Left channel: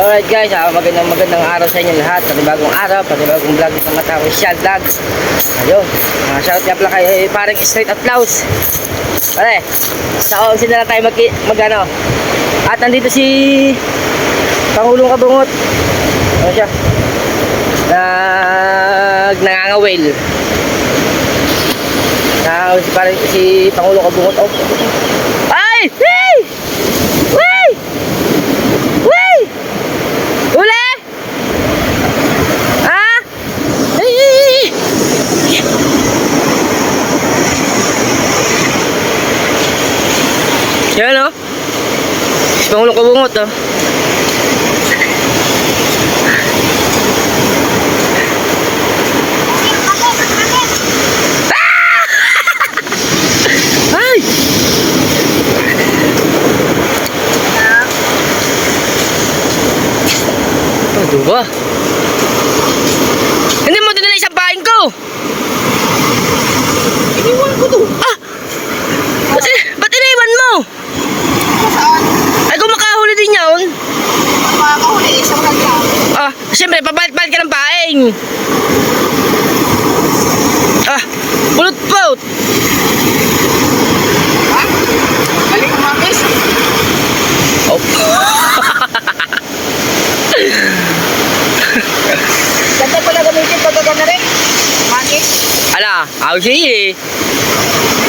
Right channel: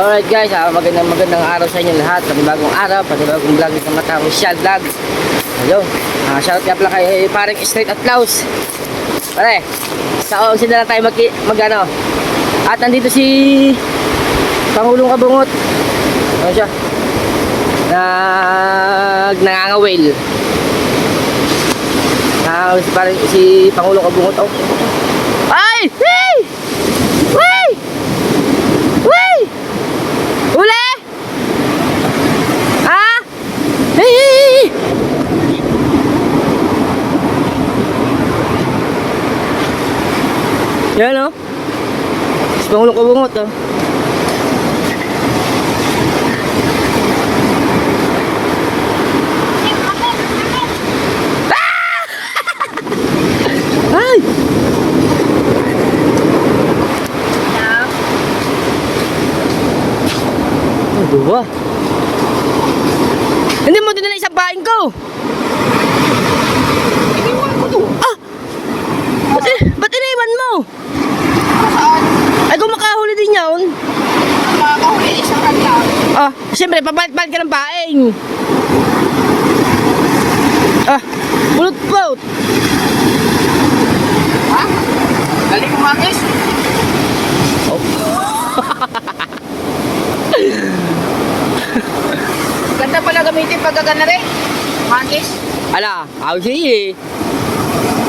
Alright guys, magandang araw sa inyo lahat. Panibagong araw, panibagong vlog ng Mata Official Vlogs. Ayun, shout out pala kay parang straight applause. Pare, sa osin na lang tayo mag-ano. At nandito si Pangulong Kabungot. Ano siya? Nangangawil. Si Pangulong Kabungot. Oh. Ay! Hey! Wey! Wey! Uli! Ha? Hey! Yan o. Si Pangulong Kabungot o. Ay! Dua. Hindi mo dinala isang paing ko. Iniwan ko to. Ah! Ba't iniwan mo? Saan? Ay, kung makahuli din yun. Makakahuli, isang kanta. Ah, siyempre, papalit-palit ka ng paing. Ah, pulot-pulot. Ha? Galing umakis? Oh. Ganda pala gamitin pag gagana rin. Umakis. Ala, ako siya eh.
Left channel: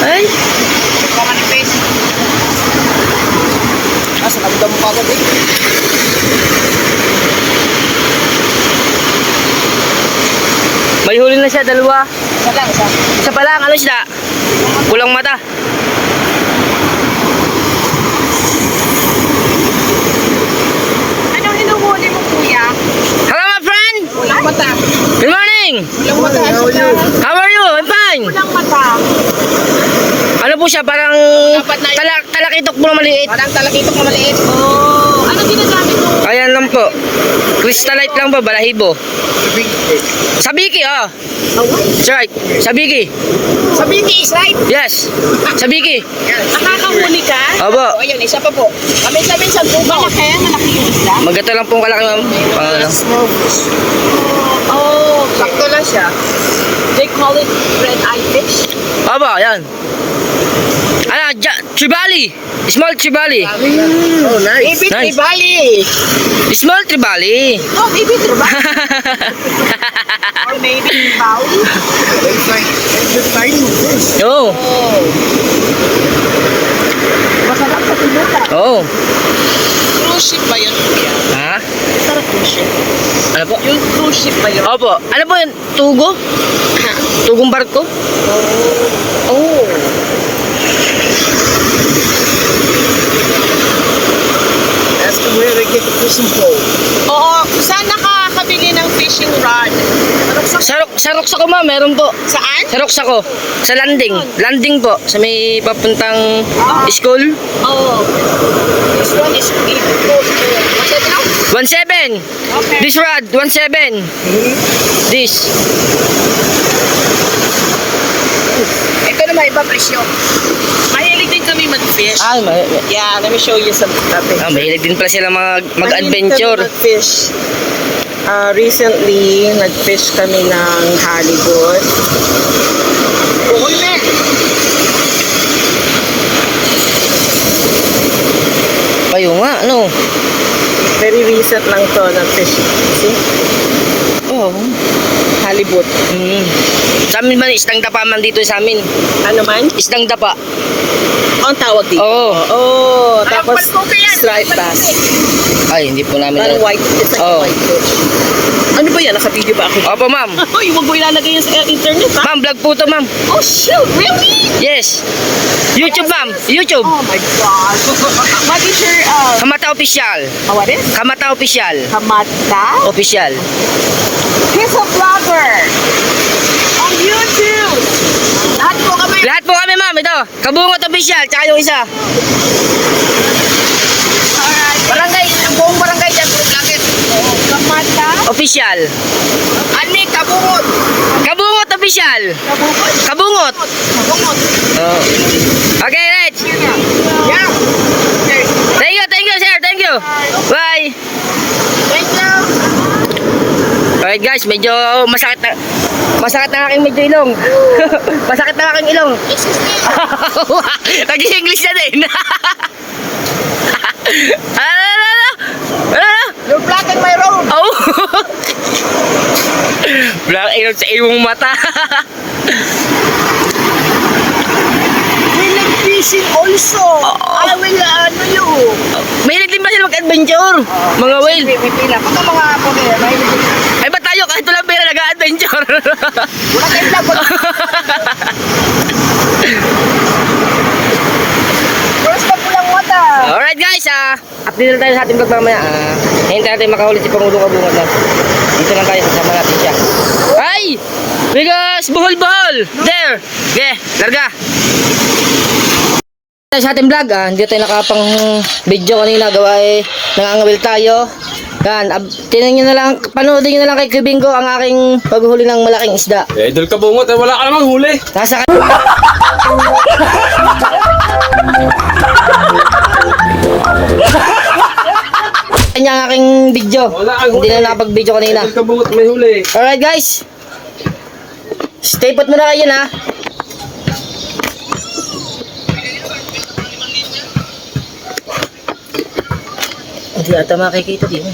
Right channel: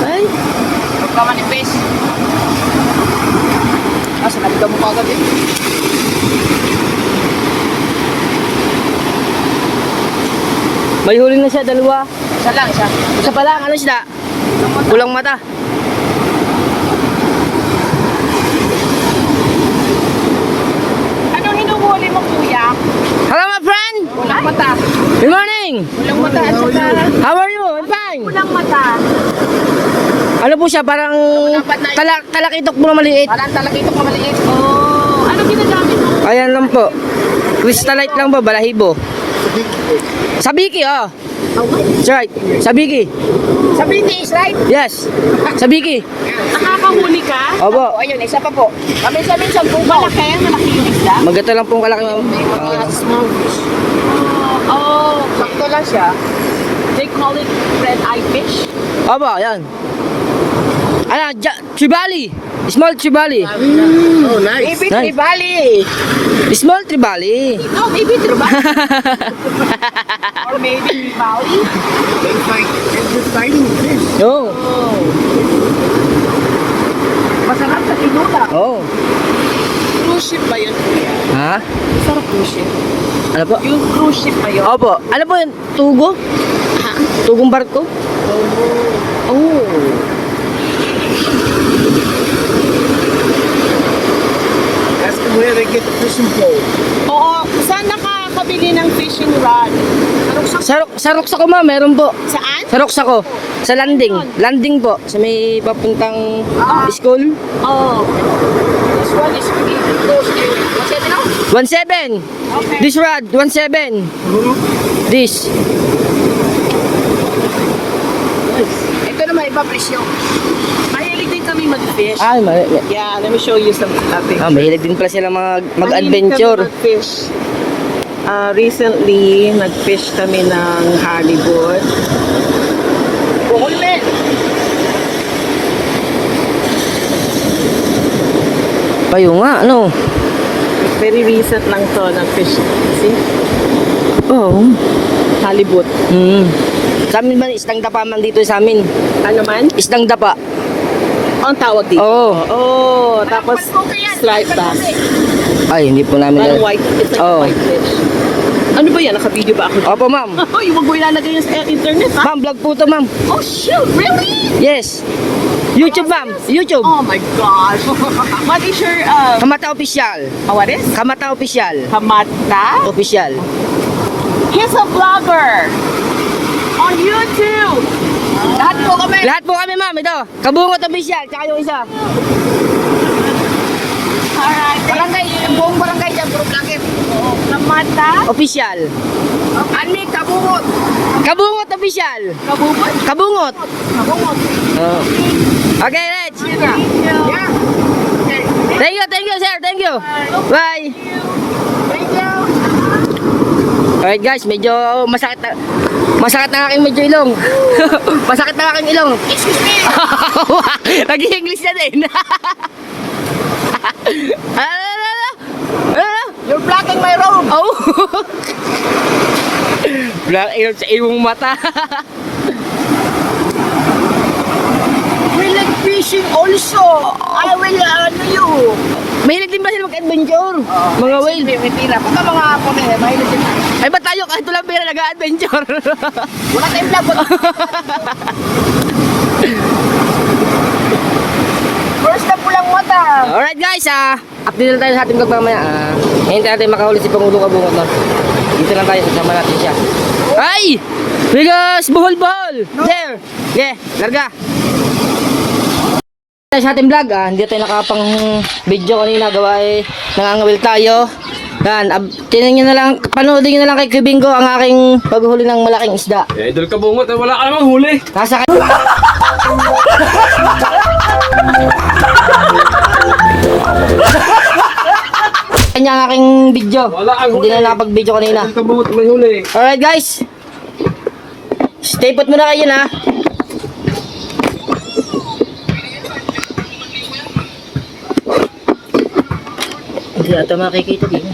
Ay. Huwag ka manipis. Sanabi ka mo kagad eh. May huli na siya, dalawa. Isa lang, isa. Isa pa lang, ano siya? Kulang mata. Anong hinuhuli mo, kuya? Hello, my friend. Kulang mata. Good morning. Kulang mata. How are you? I'm fine. Kulang mata. Ano po siya? Parang talakitok po na maliit. Parang talakitok na maliit. Oh, ano ginagamit mo? Ayan lang po. Crystallite lang po, balahibo. Sabiki, oh. That's right. Sabiki. Sabiki is right. Yes. Sabiki. Nakakahuli ka? Opo. Ayun, isa pa po. Minsan po. Malaki yung isda? Maganda lang pong kalaki, ma'am. Small fish. Oh, sakto lang siya. They call it red-eye fish. Opo, ayan. Ano, tribali. Small tribali. Oh, nice. Baby Nice. tribali. Small tribali. Oh, baby tribali. Or maybe tribali. Oo. Masarap sa tinula. Oo. Cruise ship ba yun? Ha? Sarap cruise ship. Ano po? Yung cruise ship ba yun? Opo. Ano po yun? Tugo? Tugong barko? Oh. Ask them where they get the fishing pole. Oo, saan nakakabili ng fishing rod? Sarok sa ko, ma'am. Meron po. Saan? Sarok sa ko. Sa landing. Landing po. Sa may papuntang school. Oh. This one is what's it now? 1.7. Okay. This rod, 1.7. This. Ito naman iba presyo. Mahilig din kami mag-fish. Ah, Yeah, let me show you some pictures. mahilig din pala sila mag-adventure. Mahilig kami mag-fish. Recently, nag-fish kami ng halibut. Bukulme! Kayo nga, ano? Very recent lang to nag-fish. See? Oo. Halibut. Sa amin man, isdang dapa man dito sa amin. Ano man? Isdang dapa. Ang tawag dito. Oo. Oh, tapos striped bass. Ay, hindi po namin. Parang white. It's like Oo. white fish. Ano ba yan? Naka-video ba ako? Opo, ma'am. Uy, huwag mo ilalagay yan sa internet, ha? Ma'am, vlog po to, ma'am. Oh, shoot! Really? Yes. YouTube, ma'am. YouTube. Oh my gosh. What is your, Kamata Official. what is? Kamata Official. Kamata? Official. He's a vlogger. On YouTube. Lahat po kami. Lahat po kami, ma'am. Ito. Kabungot Official. Tsaka yung isa. Alright. Barangay, ang buong barangay dyan, puro vlogger. Kamata? Official. Ani, kabungot. Kabungot Official. Kabubot? Kabungot. Kabungot. Oh. Okay, Reg. Yeah. Thank you, sir. Thank you. Bye. Alright guys, medyo masakit na aking medyo ilong. Masakit na aking ilong. Excuse me. Nag-English na din. Ano? You're blocking my road. Oh. Black ilong sa iyong mata. We like fishing also. I will you. Mahilig din ba sila mag-adventure? Mga whale. Wait lang. Pagka mga puti, mahilig din. Ay ba tayo kahit walang pera nag-adventure? Wala tayong labot. First na pulang mata. Alright guys, update na tayo sa ating vlog mamaya. Hintayin natin makahuli si Pangulong Kabungot na. Dito lang tayo, kasama natin siya. Ay! Bigas! Buhol-buhol! There! Okay, larga! Sa ating vlog, hindi tayo nakapang video kanina. Gawa nangangawil tayo. Yan, tinan nyo na lang, panoodin nyo na lang kay Kibingo ang aking paghuli ng malaking isda. Idol ka bungot, wala ka namang huli. Nasa kanya ang aking video. Wala kang Hindi huli. na nakapag-video kanina. Idol ka bungot, may huli. Alright guys. Stay put muna kayo na. Hindi ata makikita din.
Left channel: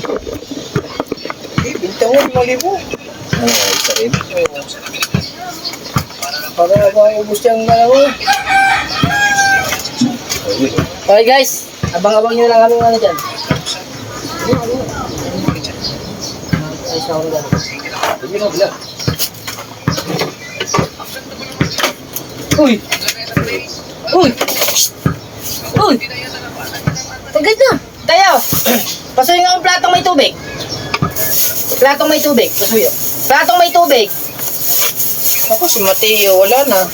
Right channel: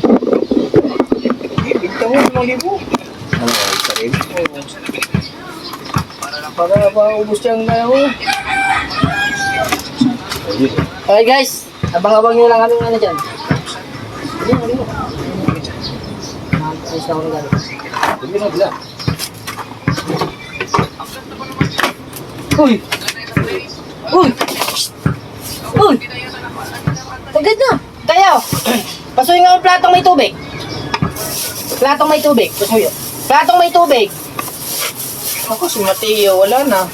Bintang mo, 5,000. Ano, isa rin? Para maubos yung dalawa. Alright guys. Abang-abang nyo na lang kami ano dyan. Ayos na ako ng gano'n. Hindi mo bila. Uy! Uy! Uy! Tagad na! Tayo! Pasuyin nga ang platong may tubig. Platong may tubig. Pasuyo. Platong may tubig. Ako si Mateo, wala na.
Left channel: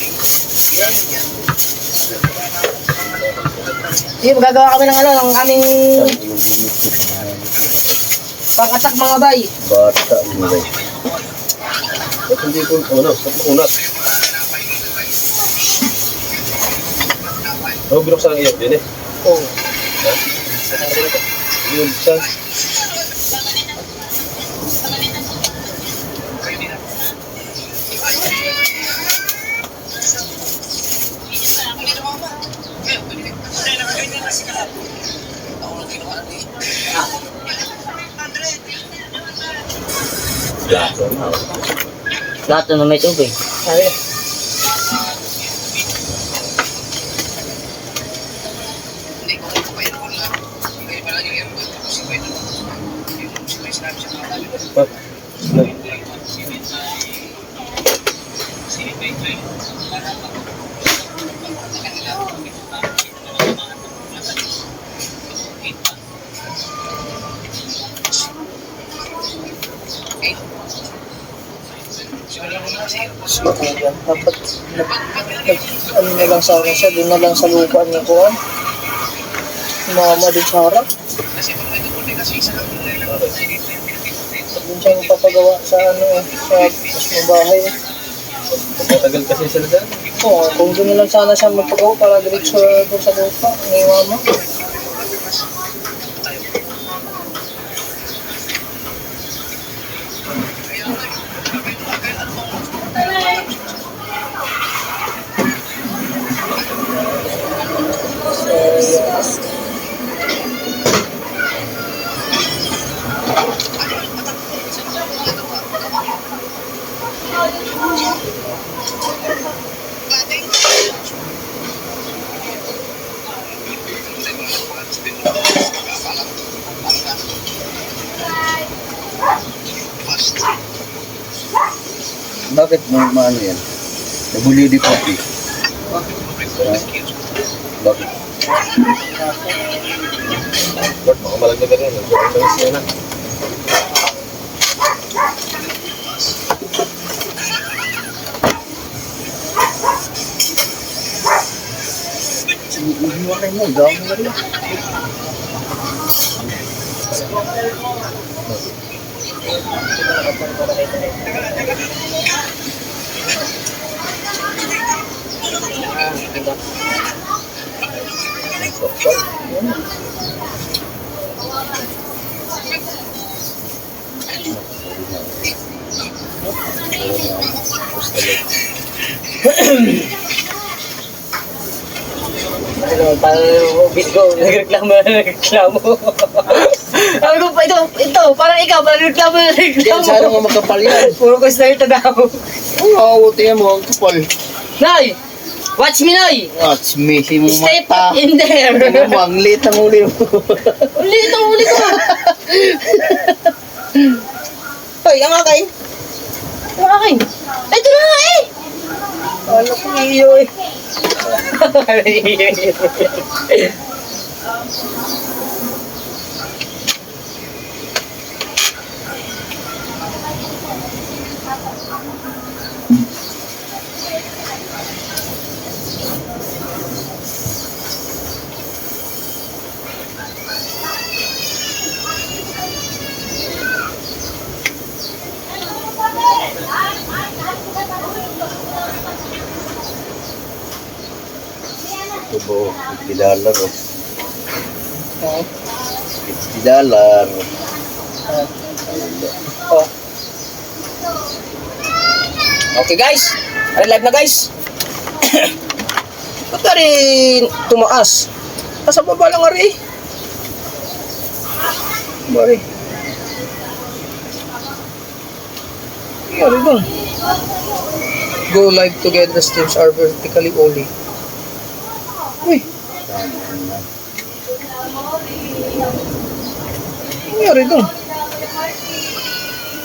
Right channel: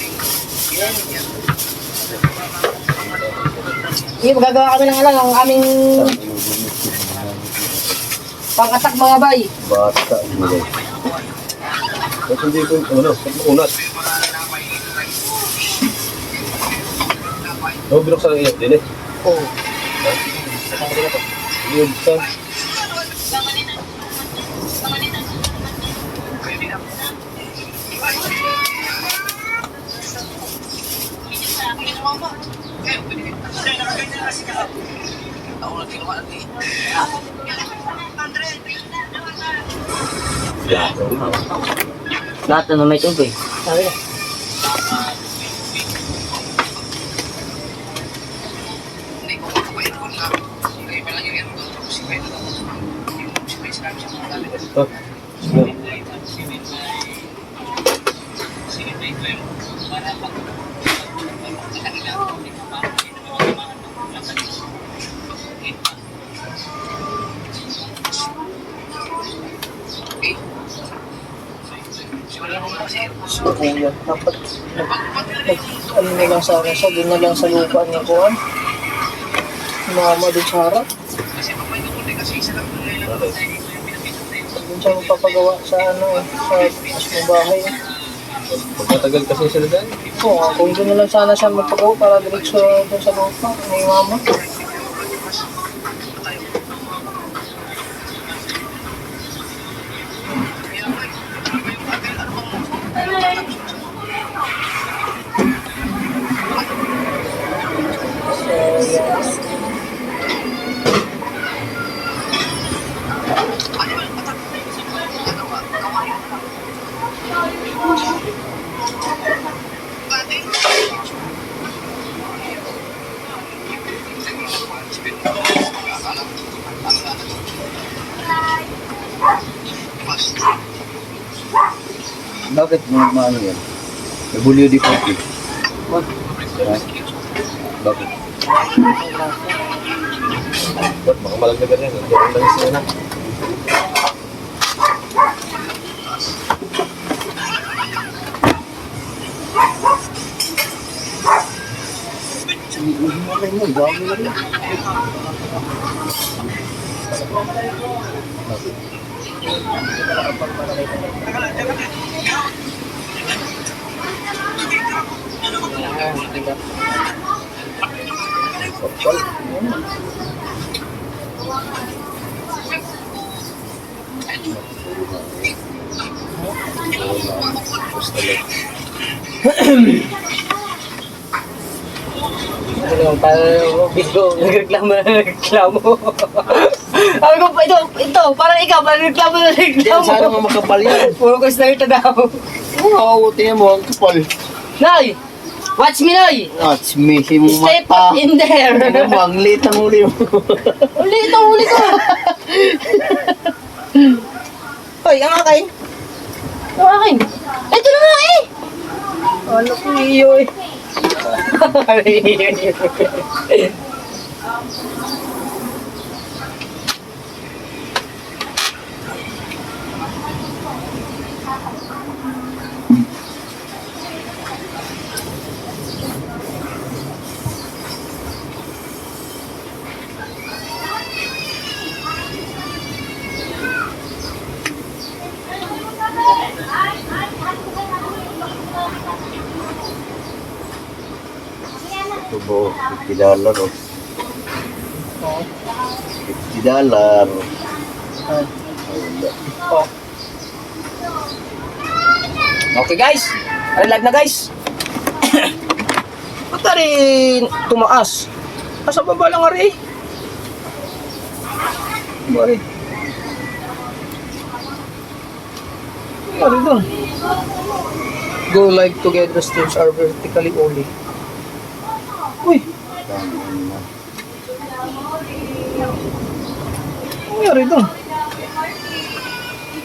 Sige, magagawa kami ng ano, ng aming pang-attack mga bay. Bata, ano ba? Ba't hindi ito, ano, ba't makunat? Oh, binuksan ang iyak din eh. Oo. Yung buksan. Plato nga. Lahat na may tubig. Sabi na. Oh, no. Kaya dapat ano na lang sana siya, doon na lang sa lupa niya ko mama din sa harap. Doon siya magpapagawa sa ano sa mismong bahay. Pagkatagal kasi sila dyan. Oo, kung doon na lang sana siya magpagawa para diretso doon sa lupa ni mama. Bakit mo maano yan? WD-40. Bakit? Ba't makamalaglag ka rin? Nagdating lang siya na. Hiwalay mo, dami na rin. Sokol. Ano naman, parang bingo, nagreklamo na nagreklamo. Sabi ko, ito, parang ikaw, parang nagreklamo na Yan, nagreklamo. sana nga magkapal yan. Puro ko na ito daw. Oo, tingnan mo, ang kapal. Nay! Watch me, Nay! Ah, smisi mo Stay mata. put in there! Tingnan mo, ang liit ang uli mo. Uli ito, uli ko! Hoy, ang akay. Ito akin. Ito na nga eh! Ano ko iyo eh. Tubo, $50 oh. Oo. $50. Ay, Oh. Okay guys. Ay, live na guys. Ba't na rin tumaas? Nasa baba lang nga rin. Bari. Bari doon. Go live together streams are vertically only. Uy, ano nangyari doon?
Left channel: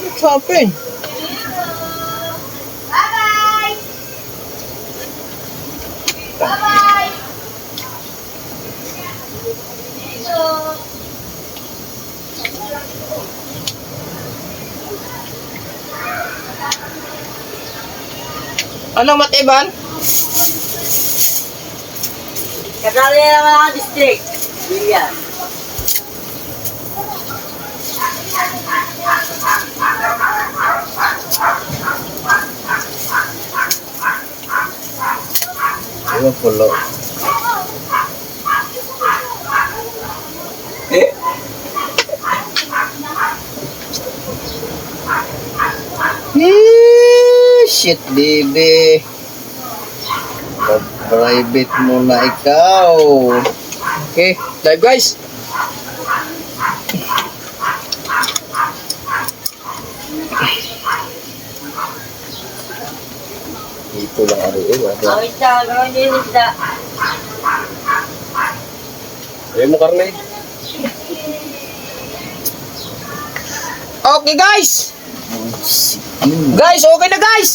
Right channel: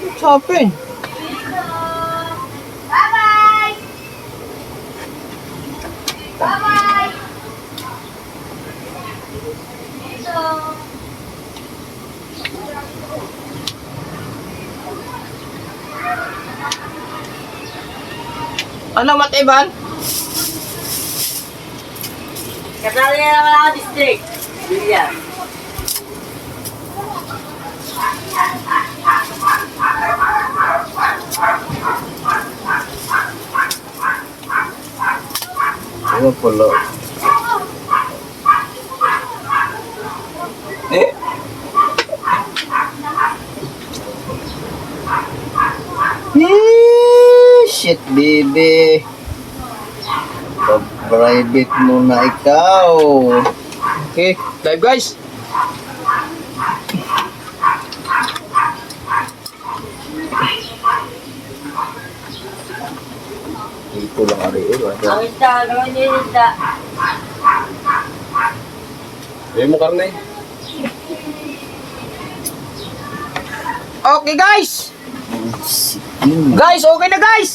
What's happened? Ano, Matiban? Kasali na naman ako district. Bilya. Ano pala? Shit, baby. Pa-private mo na ikaw. Okay, live guys. Ito lang ari eh. Ang isda, gawin din yung isda. Ayaw mo karne? Okay guys. Guys, okay na guys.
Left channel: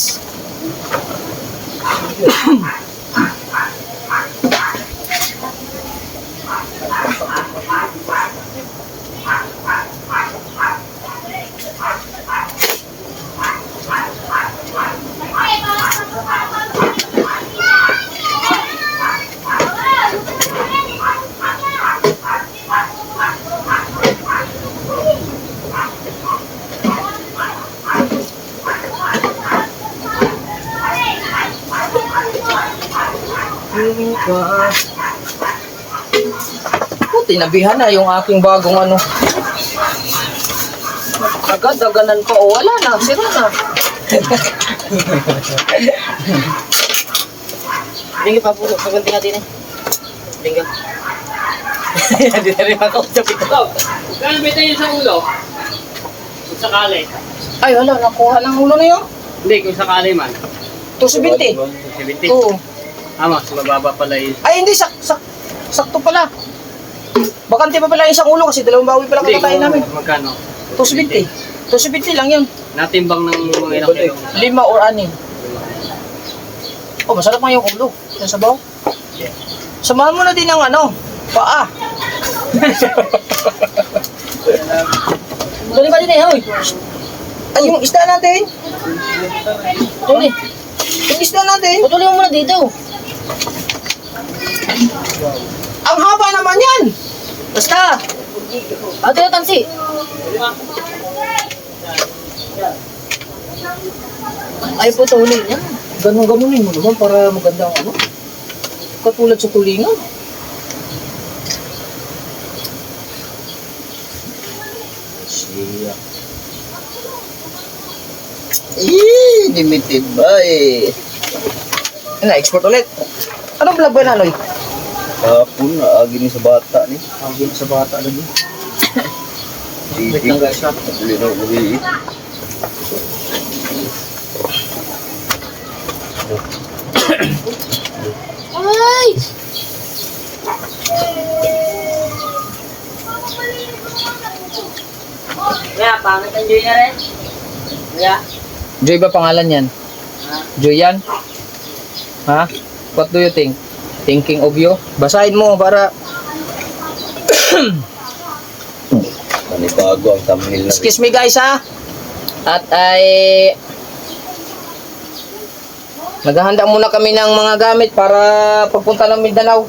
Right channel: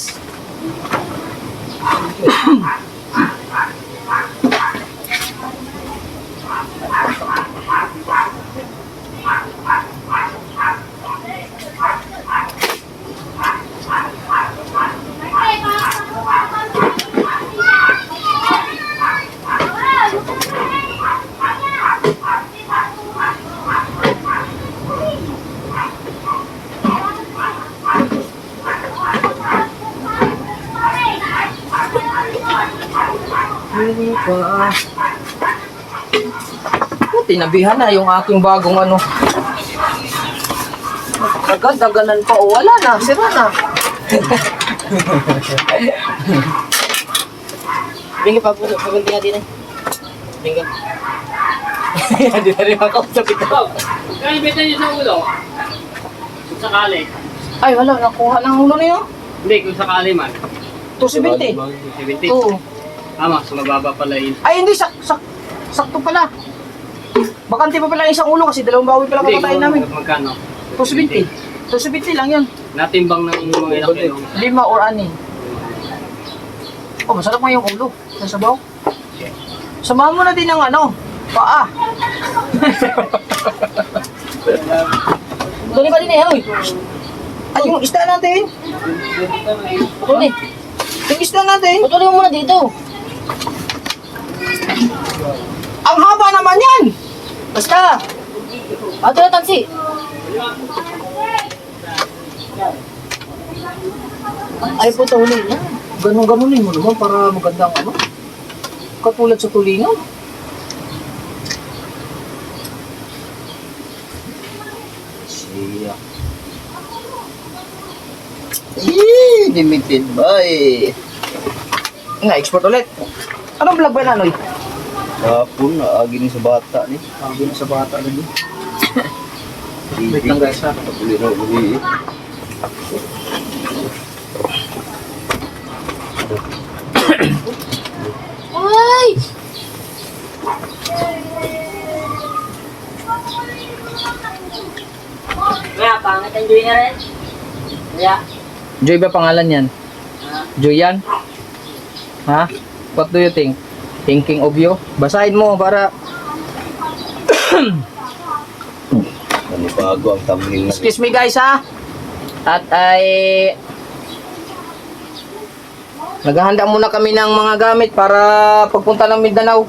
Tinabihan na yung aking bagong ano. Daganan pa. O, wala na. Sira na. Bingi pa po, pagunti natin eh. Bingo. Hindi na rin makausap ito. Kaya bita niyo sa ulo? Kung sakali. Ay, wala. Nakuha ng ulo na yun. Hindi, kung sakali man. 270. 70. Oo. Tama, sa mababa pala yun. Ay, hindi. Sakto pala. Bakante pa pala isang ulo kasi dalawang bawi pala Hindi, kakatayin namin. magkano? 270. 270 lang yun. Natimbang ng mga ilang kilo. 5 or 6. Oh, masarap nga yung ulo. Yung sabaw. Samahan mo na din ang ano, paa. Tuloy pa din eh, hoy. Ay, yung isda natin. Tuloy. Yung isda natin. Tuloy mo muna dito. Ang haba naman yan. Basta. Ato na tansi. Ay po tuloy na. Ganun-ganunin mo naman para maganda ang ano. Katulad sa tulingan. Siya. Limited by. Na-export ulit. Anong vlog ba na, Noy? Hapon, agi ni sa bata ni. Sabi na sa bata lagi. Wait Wait lang guys ha. Uli na uli. Ay! Kaya, pangit ang Joy na rin. Kaya, Joy ba pangalan yan? Joy yan? Ha? What do you think? Thinking of you? Basahin mo para... Manibago ang thumbnail na. Excuse me guys ha. At ay... Naghahanda muna kami ng mga gamit para pagpunta ng Mindanao.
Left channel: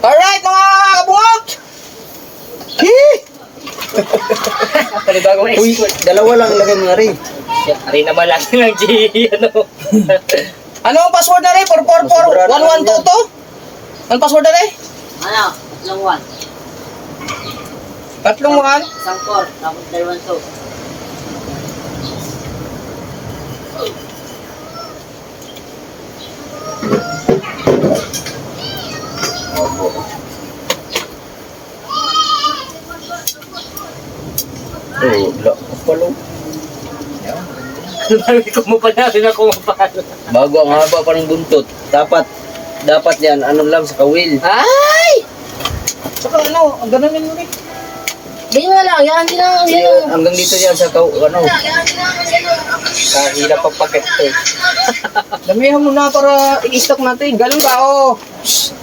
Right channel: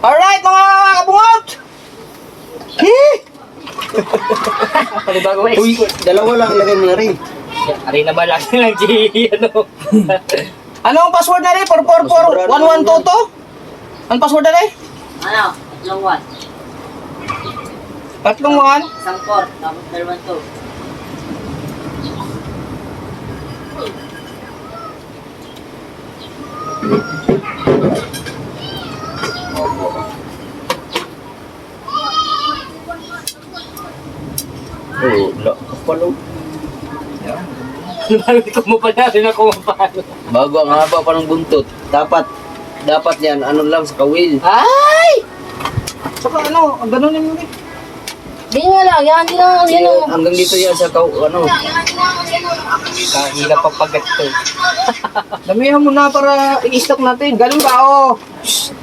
Alright mga kabungot! Hee! panibagong Uy, dalawa lang lagay mo na rin. Ari naman lang ng G, ano. Ano ang password na rin? 444-1122? Ang password na rin? Ano? Long one. Tatlong 1. Isang 4, tapos 2. Opo. Oh, la, kapalo. Marami kumapal ako mapal. Bago ang haba pa ng buntot. Dapat yan, ano lang sa kawil. Ay! Saka ano, ang ganun yung rin. Ganyan mo lang, yan lang, yan lang. Hanggang dito yan sa ano. Kahila pa pag ito. Damihan mo na para i-stock natin. Ganun ba? Oh. Shhh.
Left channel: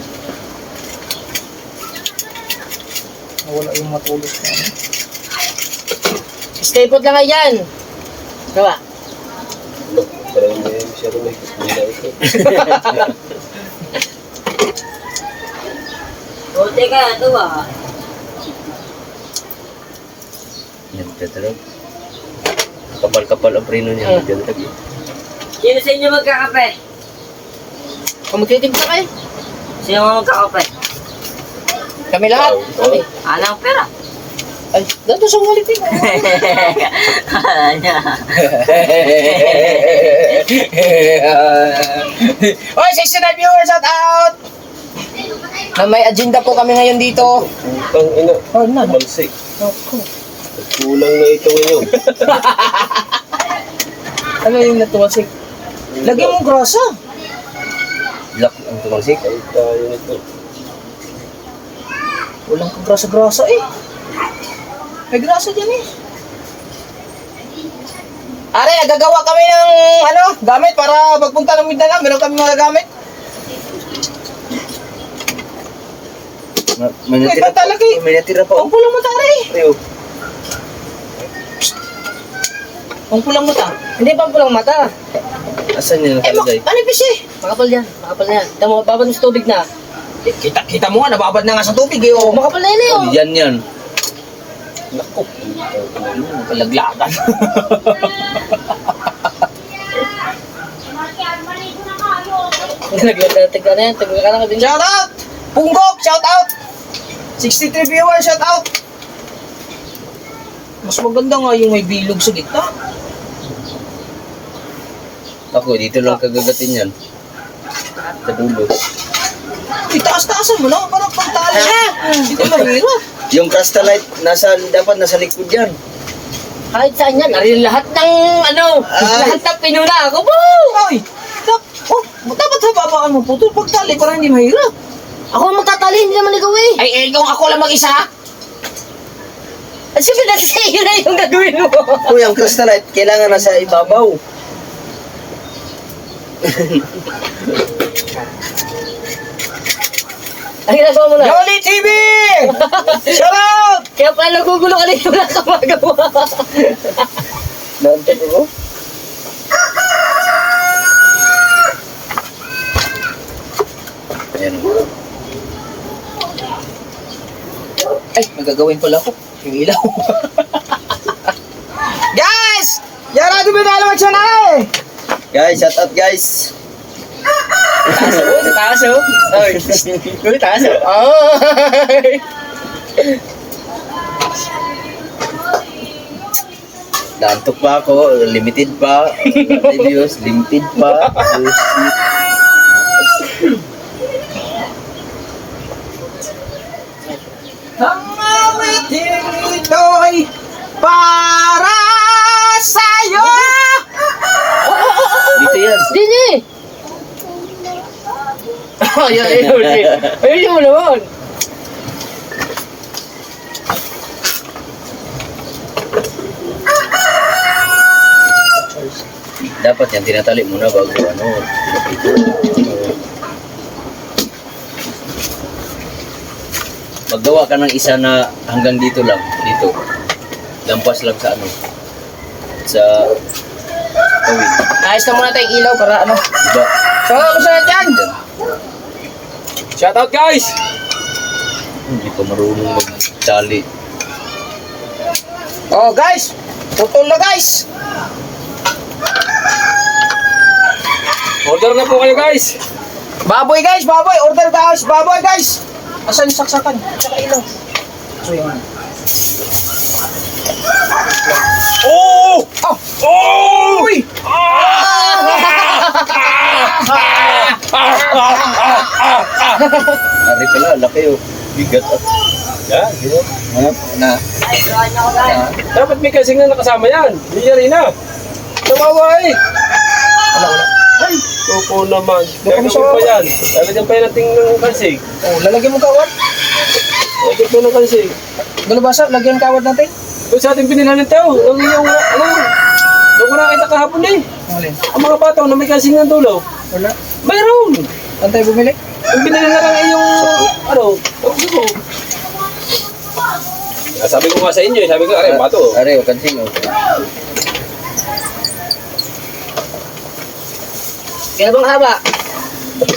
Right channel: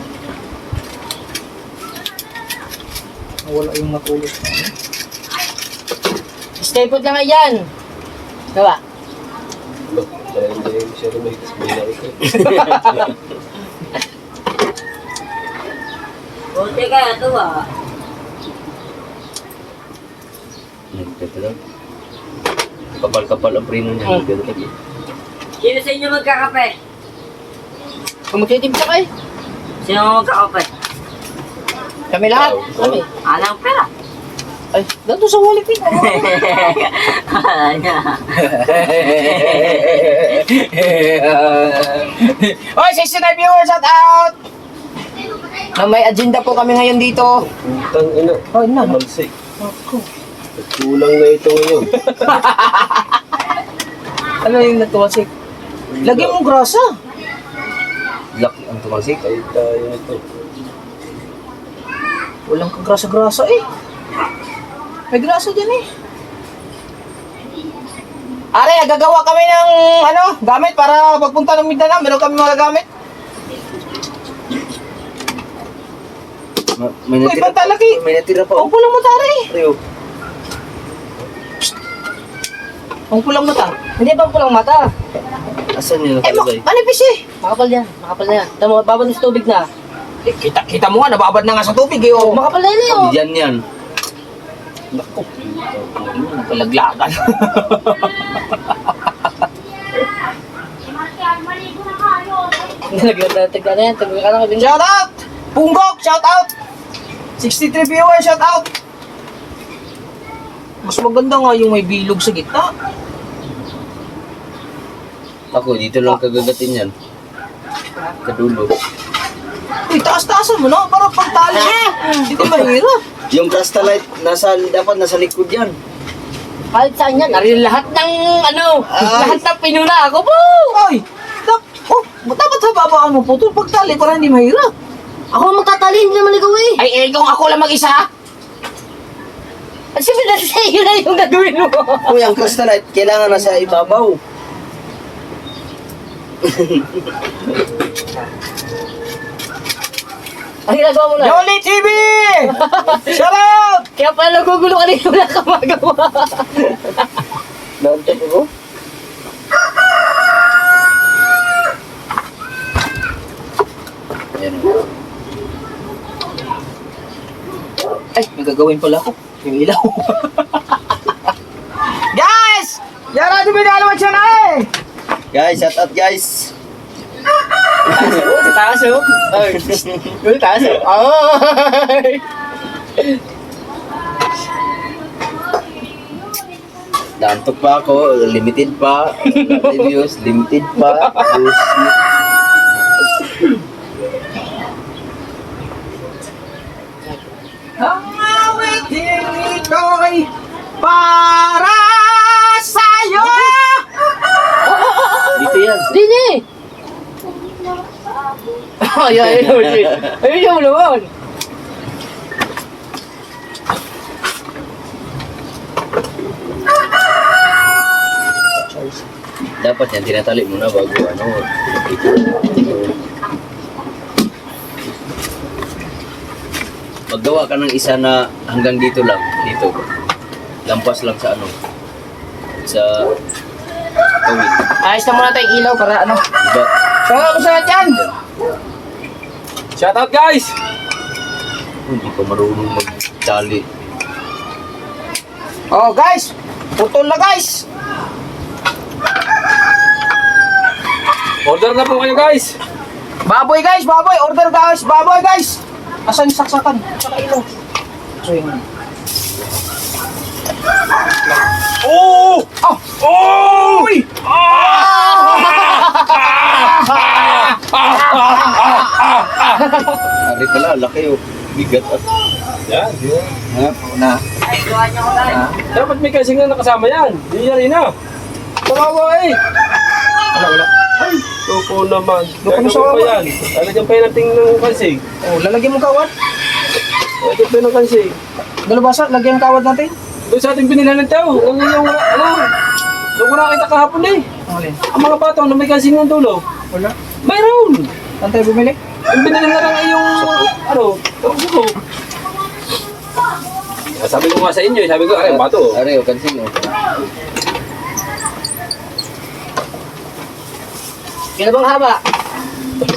Nawala yung matulog na. Stay put lang nga yan. Gawa. Parang hindi masyado may kusmila ito. Buti ka, ito ba? Nagtatrag. Kapal-kapal ang prino niya. Nagtatrag eh. Sino sa inyo magkakape? Kung magtitimpla kayo. Sino mga magkakape? Kami lahat. Kami. Alang pera. Ay, dato sa wallet eh. Ano? Oy, 69 viewers, shout out! Na may agenda po kami ngayon dito. Putang ina. Oh, na. Malsik. Ako. Kulang na ito ngayon. Ano yung natuwasik? Lagyan mo grasa. Black ang tumalsik. Ay tayo nito. Walang kagrasa-grasa eh. May grasa dyan eh. Are, nagagawa kami ng gamit para pagpunta ng Mindanao. Meron kami mga gamit. May Uy, natira ba't talaki? May natira pa. Ang pulang mata rin. Rio. Ang pulang mata. Hindi pa ang pulang mata. Asan yun Eh, nakalagay? manipis eh. Makapal yan, makapal na yan. Tama, babad mo sa tubig na. Kita mo nga, nababad na nga sa tubig eh. Oh. Makapal na yan eh, oh. Diyan yan. Naku. Kalaglagan. Naglalatag ka na yan, tagla ka na ka din. Shout out! Punggok, shout out! 63 viewers, shout out! Mas maganda nga yung may bilog sa gitna. Ako, dito lang kagagatin yan. Sa dulo. Uy, taas-taasan mo na, parang pagtali. Hindi mahirap. Yung crystallite, dapat nasa likod yan. Kahit saan yan, ari lahat ng, lahat ng pinuna ako, po! Ay! Dapat hababaan mo po ito pagtali para hindi mahirap. Ako ang magtatali, hindi naman ikaw eh. Ay, kung ako lang mag-isa. At siyempre nasa iyo na yung gagawin mo. Uy, ang crystallite, kailangan nasa ibabaw. Ang ginagawa mo na. Yoli TV! Shout out! Kaya pala nagugulo ka rin, wala ka magawa. Naantay ko? Ayan o. Ay, may gagawin pala ako. Yung ilaw. Guys! Yara, duminalo siya na eh! Guys, shout out guys. Taas oh. Taas oh. Ay, taas oh. Ay! Naantok pa ako, limited pa. Reviews, limited pa. Ang awiting ito'y para sa'yo. Dito yan. Dini! Ay, ayun mo naman. Dapat yan, tinatali muna bago ano. Maggawa ka ng isa na hanggang dito lang. Dito. Lampas lang sa ano. Sa kawin. Ayos na muna tayong ilaw para ano. Diba? Saan saan dyan? Shoutout guys! Hindi pa marunong magtali. Oh guys, putol na guys. Order na po kayo guys! Baboy guys, baboy. Order guys, baboy guys. Asan yung saksakan? Tsaka ilaw. So yun. Oh! Oh! Oh! Uy! Ari pala, laki oh. Bigat ah. Yan, yun. Ha? Na. Dapat may kasing na nakasama yan. Hindi rin na. Tawawa eh. Wala. Ay, loko naman. Loko na Gagawin sa pa yan. Lalagyan pa yan natin ng kalsig. Oh, lalagyan mo kawad. Lalagyan pa yan ng kalsig. Galabasa, lagyan kawad natin. Doon sa ating binila ng tao. Ang yung, ano, doon ko nakita kahapon eh. Ang alin? Ang mga bata na may kalsing ng dulo. Wala. Mayroon. Saan tayo bumili? Ang binila na lang ay yung, ano, suko. Sabi ko nga sa inyo, sabi ko, aray, bato. Ari, oh, kansing oh. Kaya bang haba?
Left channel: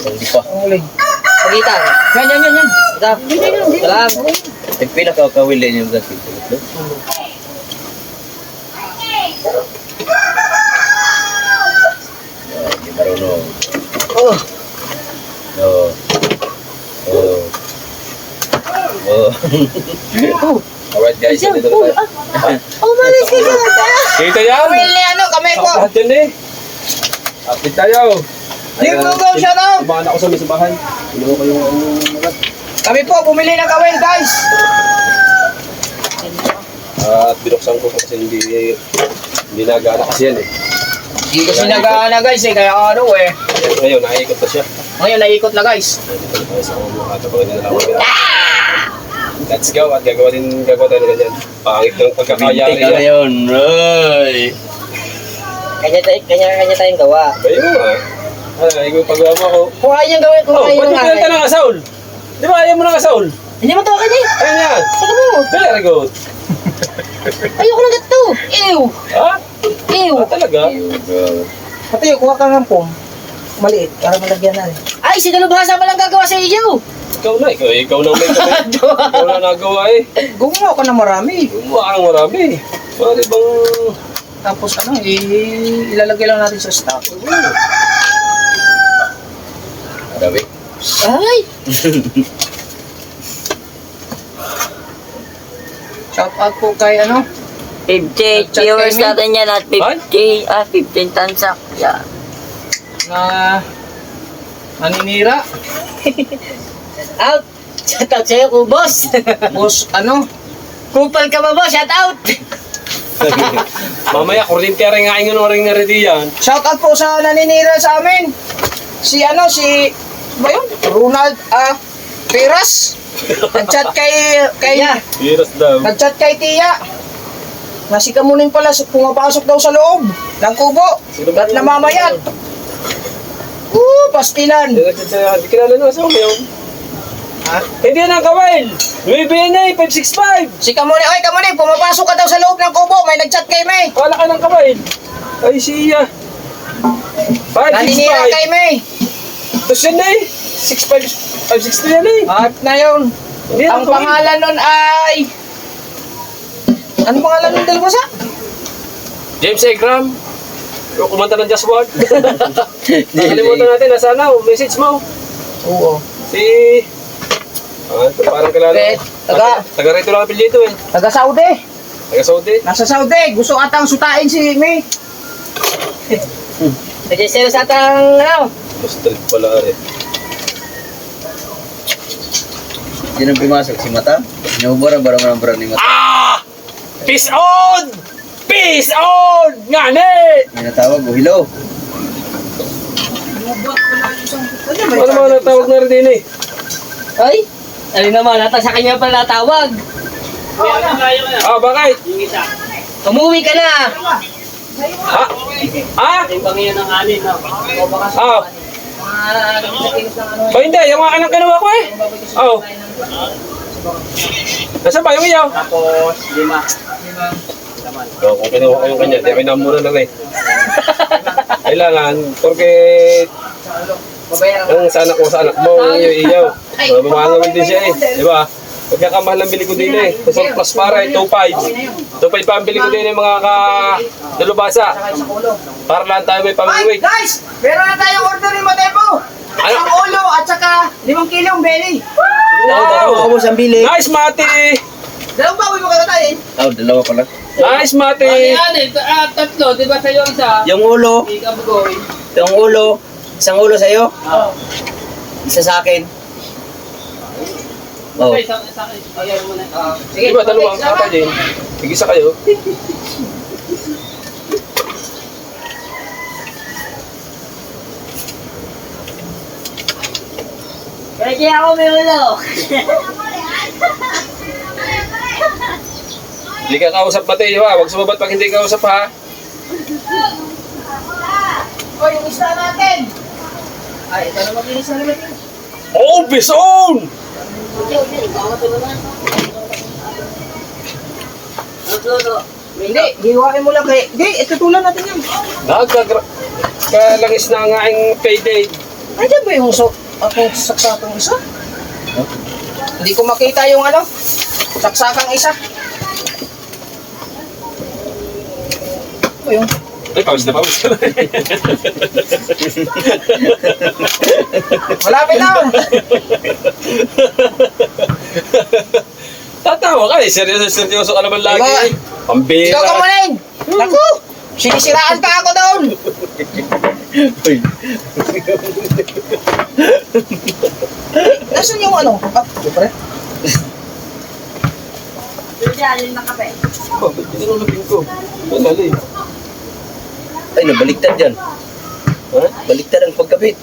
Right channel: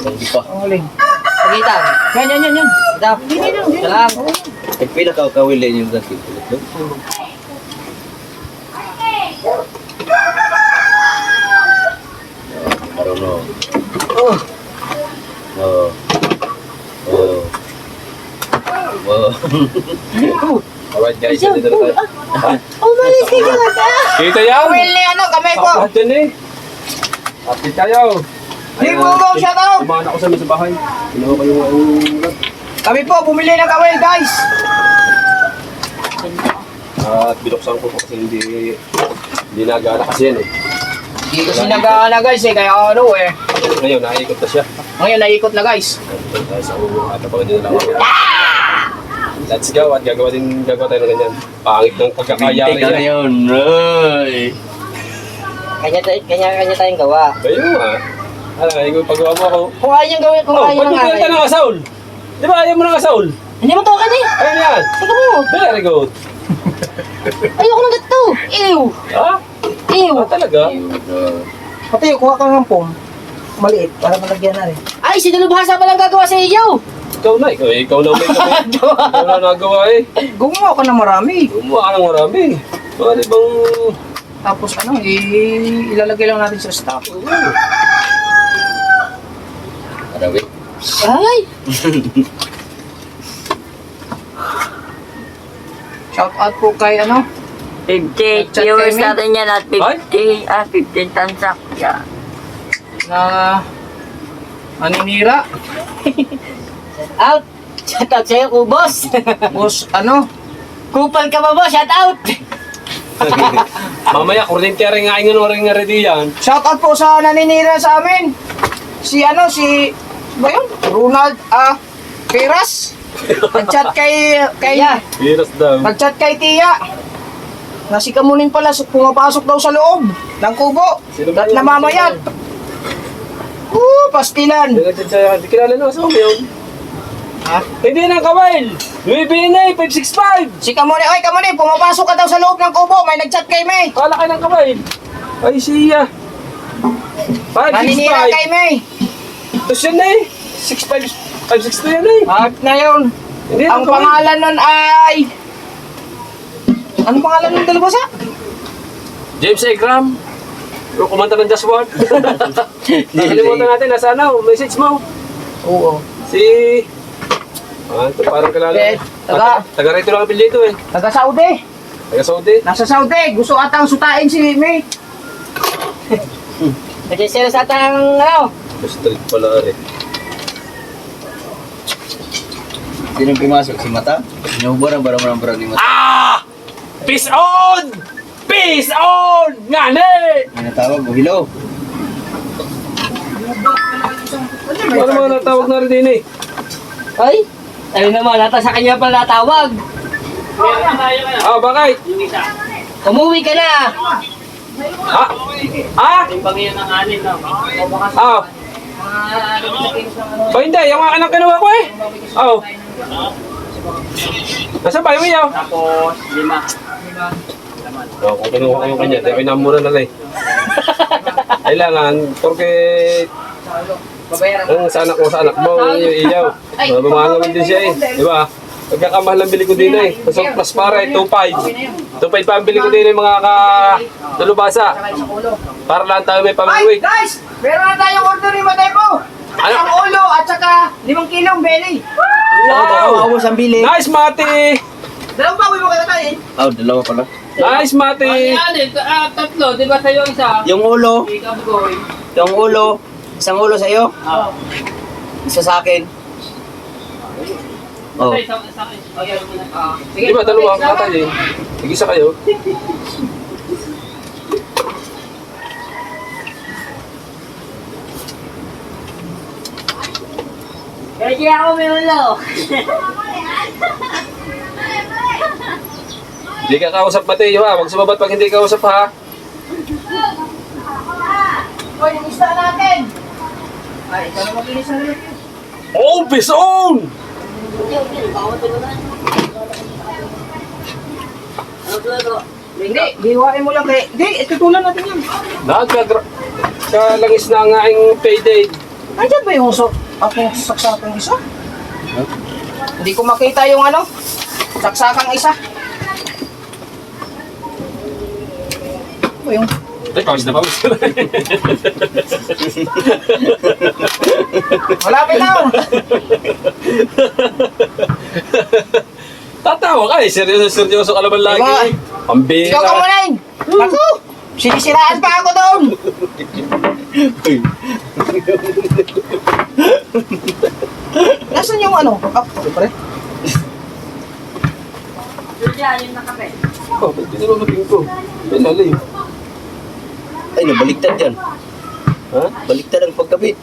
Hindi pa. Ang alin? Pagitan. Yan. Stop. Salam. Tagpila ka kawilin yung kansing. Hindi marunong. Oh. No. Oh. Oh. Alright guys, dito na tayo. Umalis ka na. Kita yan! Well, ni ano, kamay ko. Lahat yan eh. Update tayo. Hey, go, shout out. Kumahan ako sa may bahay. Inuha ko yung Kami po, bumili ng kawel, guys. at binuksan ko kasi hindi nagana kasi yan eh. Hindi kasi nag-aana, guys, eh. Kaya ano, eh. Ngayon, naikot na siya. Ngayon, naikot na, guys. Nandito tayo sa ulo at abangan nyo na lang ako. Let's go at gagawa tayo ng ganyan. Pangit ng pagkakayari Bintik ka na yan. yun. Ay. Kanya tayong gawa. Bayo mo nga. Ano, yung paggawa mo ako. Kung ayaw niyang gawin, kung Oh, ayaw ba't nang yung pinalitan ng asaul? Di ba ayaw mo ng asaul? Hindi mo tawakan eh. Ayun yan. Saka mo. Very good. Ayoko ng gato. Ew. Ha? Ew. Ah, talaga? Pati, kuha ka ng pom. Maliit, para malagyan na rin. Ay, si Dalubhasa pa lang gagawa sa iyo. Ikaw na, ikaw na may kamay. Ikaw na nagawa eh. Gumawa ka na marami. Gumawa ka ng marami. Pwede bang... Tapos ano, ilalagay lang natin sa stock. Arabi. Ay. Shout out po kay ano, 50 Nag-chat viewers kami. natin yan at 15 tansak. Yeah. na maninira. Out. Shout out sa'yo, Kubos. Boss, ano, Kupal ka ba, boss? Shout out. Mamaya, kuryente rin nga ingon rin nga ready yan. shout out po sa naninira sa amin. Si ano, si, ba yun? Ronald, Peras. Nag-chat kay Heroes daw. nag-chat kay Tia. Nasikamunin pala, pumapasok daw sa loob ng kubo. Sino ba At yun? namamayat. Pastilan. Hindi kilala na sa yun. Ha? Hindi na kawail. Luibinay, 565. Si Kamuning, oy Kamuning, pumapasok ka daw sa loob ng kubo. May nag-chat kay May. Kala ka ng kawail. Ay siya. Naninira kay 565. May. Tapos yan na eh. 562 yan eh. At na yun. Hindi Ang na kawail. pangalan nun ay... Anong pangalan nun dalawa sa? James Ekram. Yung kumanta ng Just Word. Nakalimutan natin. Nasa ano, message mo. Oo. Si... Ah, ito parang kilala. Taga rito lang ang pilito eh. Taga Saudi. Taga Saudi. Nasa Saudi. Gusto atang sutain si May. Nag-sales atang, ano? Street pala eh. Sino pumasok? Si Mata? Inuburan ba naman ang brand ni Mata? Ah! Peace on! Peace on! Ngani! May natawag o hello? Ano mga natawag na rin din eh? Ay, ano naman, nata sa kanya pala natawag. Ah, bakit? Umuwi ka na. Ah? Ah? Ah? O hindi, yung mga anak kinuha ko eh. Oo. Nasaan ba yung iyaw? Tapos, 5. Oo, kung kinuha ko yung kanya, di ako inamura na rin. Kailangan, porque ang sa anak mo, sa anak mo, yung iyaw. Mamahal naman din siya eh. Di ba? Pagkakamahal ang bili ko din eh. Tapos ang plus para eh, 2.5. 2.5 pa ang bili ko din eh, mga kalubasa. Para lang tayo may Ay, pang-uwi. guys! Meron na tayong order ni Matay po. Ang ulo at saka 5 kilong belly. Oo, baka maubos ang bili. Nice, Mati! Dalawang baboy mo kalatayin. Oh, dalawa pala. Nice, Mati! Tatlo, di ba sa'yo isa? Yung ulo, Pick up going. yung ulo, isang ulo sa'yo, isa sa akin. Oh. Di ba dalawang katalin? Tig-isa kayo. Kaya ako may ulo. Hindi ka kausap, Mati. Ha? Huwag sumabat pag hindi ka kausap, ha? O, yung isda natin. Ay, ito na maglinis na naman yun. Oh, bison! Hindi, hiwain mo lang kay... Hindi, itutulan natin yun. Kalangis na ang aking payday. Nandiyan ba yung akong saksakang isa? Hindi ko makita yung ano, saksakang isa. Ano yung... Ay, pawis na pawis ka na. Malapit na! Tatawa ka eh. Seryoso ka naman lagi Diba? eh. Pambira. Ikaw ka manayin! Naku! Sinisiraan pa ako doon! Uy, Nasaan yung ano? Ah, di pa rin. Oh, ba't pinarulogin ko? Ay, lalim. ay nabaliktad yan. Ha? Baliktad ang pagkabit.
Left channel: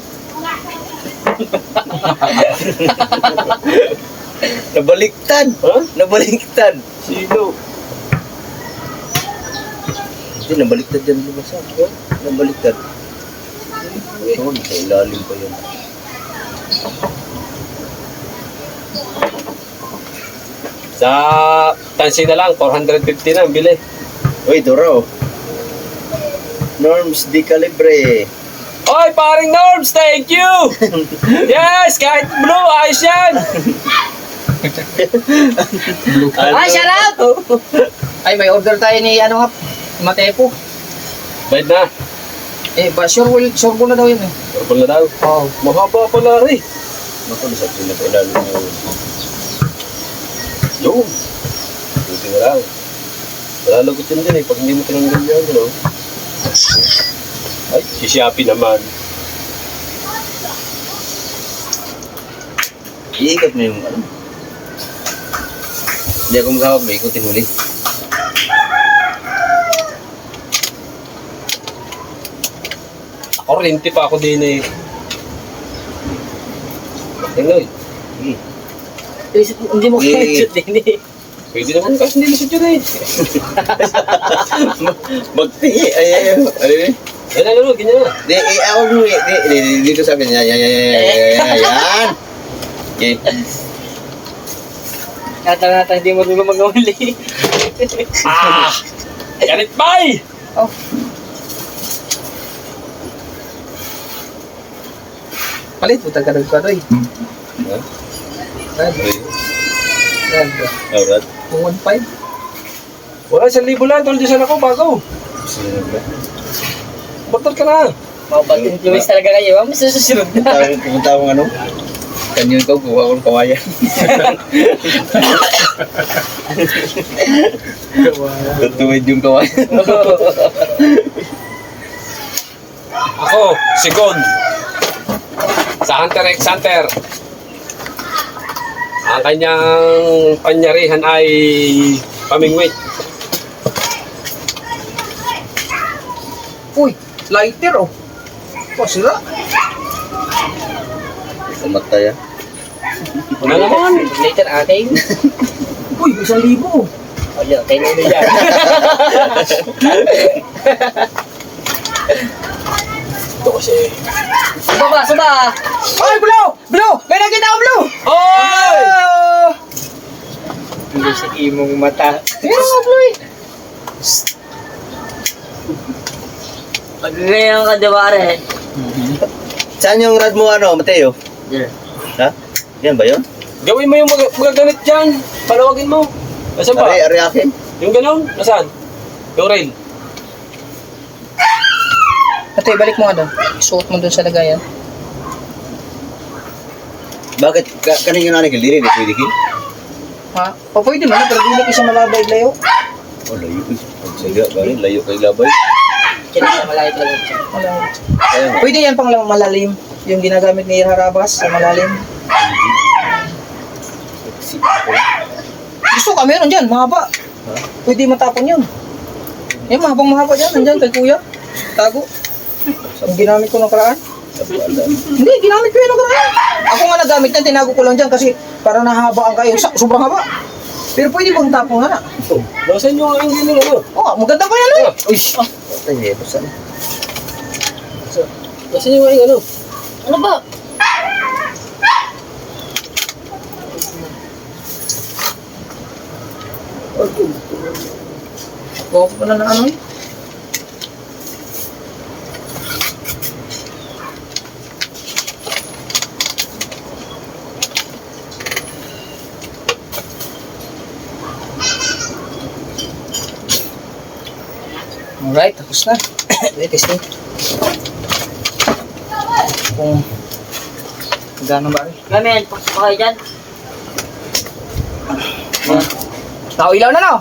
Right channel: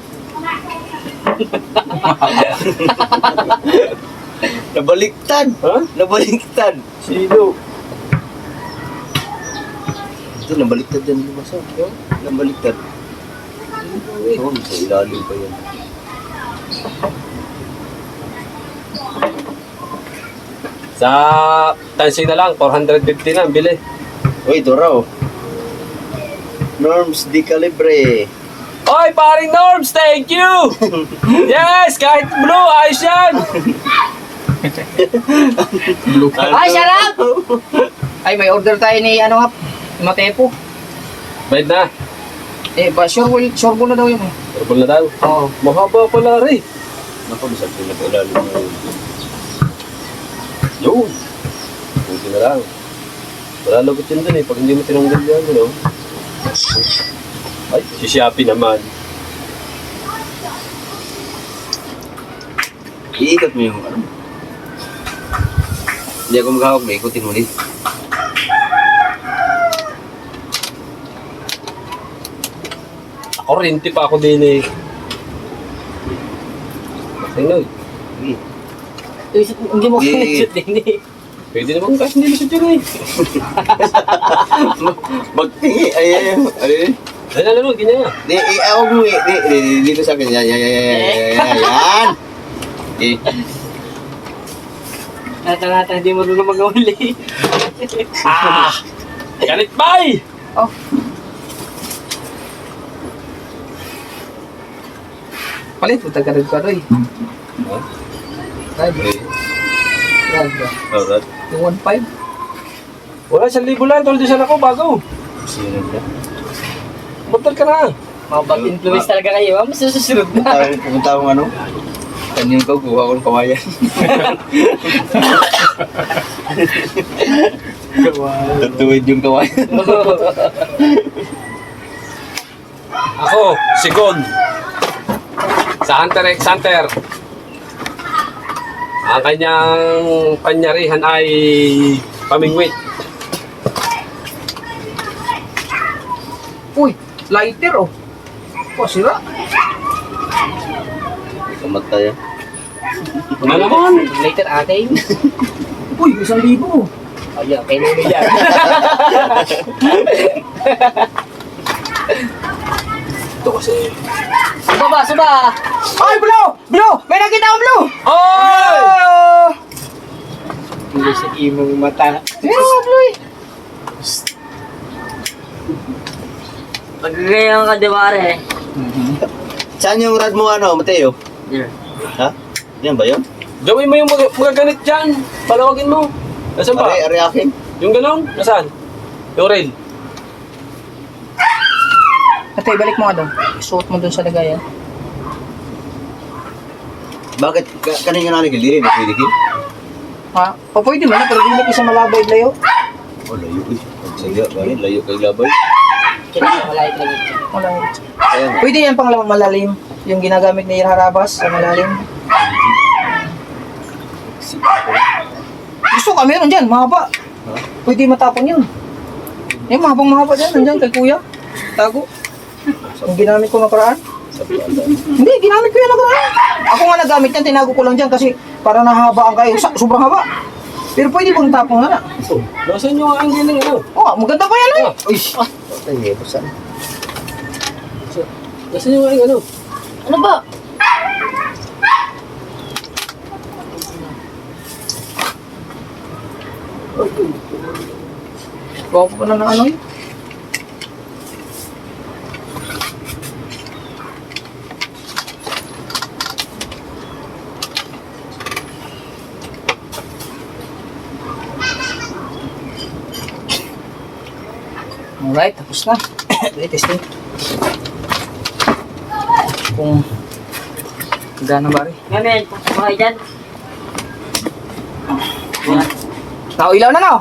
Nabaliktad. Ha? Nabaliktad. Sino? Hindi, nabaliktad yan lumasa. Oh, nabaliktad. Oo, sa ilalim pa yan. Sa tansi na lang, 450 na ang bili. Uy, ito raw. Norms di calibre. Oy, paring Norms, thank you! Yes, kahit blue, ayos yan! Ay, shout out! Ay, may order tayo ni ano nga, ni Matepo. Bayad na. Eh, ba, sure na daw yun eh. Purple na daw. Oo. Mahaba pala rin. Naku, di sa pinag-ilalim mo. Yun. Buti na lang. Malalagutin din eh, pag hindi mo tinanggal yan, you know. Ay, si Shopee naman. Iikot mo yung ano. Hindi ako maghahawak, may ikutin mo ulit. Ako rinti pa ako din eh. Makinay. Hindi mo Yeah. kinusot din eh. Pwede naman kasi hindi lisod yun eh. Magtingi, ay, ano yun? Ay, nalamod, ganyan na. Di, ako mo eh. Dito sa akin. Yan. Okay. Nata, hindi mo rin mag-uli. Ah! Ganit bay! Oh. Palit, putang ka nagkaroy. Ha? Ay, grabe. Alright. Yung 1.5. Wala, 1,000 lang. Tuldusan ako bago. Susunod na. Batal ka na. Mga bad influence talaga kayo. Mas susunod na. Pupunta akong ano? Kanyan ko, kuha ko ng kawayan. Tutuwid yung kawayan. Ako, si God. Sa Hunter x Hunter. Ang kanyang panyarihan ay pamingwit. Uy, lighter oh. Sira. Kamatay ah. Ano naman? Later akin. Uy, 1,000. Ayun, kayo na yan. Ito kasi. Suba! Oy, Blue! Blue! May nakita ko, Blue! Oh! Hindi sa imong mata. Blue! Pag ngayon ka, di ba, are? Saan yung rad mo ano, Mateo? Yeah. Ha? Yan ba yun? Gawin mo yung mga ganit dyan. Palawagin mo. Nasaan ba? Ari akin. Yung ganon? Nasaan? Yung rail. Ate, balik mo nga doon. Suot mo doon sa lagayan. Bakit? Kanin yung nanin kiliri, hindi pwede kin? Ha? O pwede man na, pero hindi ko siya malabay layo. Oh, layo eh. Sige, galing, layo kay labay. Kailangan malayo ka lang. Wala. Kaya nga. Pwede yan pang malalim. Yung ginagamit ni Harabas sa malalim. Gusto ka, meron dyan, mahaba. Ha? Pwede matapon yun. Yung mahaba dyan, nandyan kay kuya. Tago. Yung ginamit ko nakaraan. Sa paalaan. Hindi, ginamit ko yun nakaraan. Ako nga nagamit yan, tinago ko lang dyan kasi parang nahaba ang kayo. Sobrang haba. Pero pwede bang tapon nga na. Oh, nasaan yung ang giling ano? Oh, maganda pa yan eh. Uy! Patay eh, basta na. Nasaan yung ang ano? Ano ba? Bawa pa na ng ano eh. Alright, tapos na. Okay, testing. Kung gana ba rin. Gamin, pasok kayo dyan. Yan. Nakailaw na no?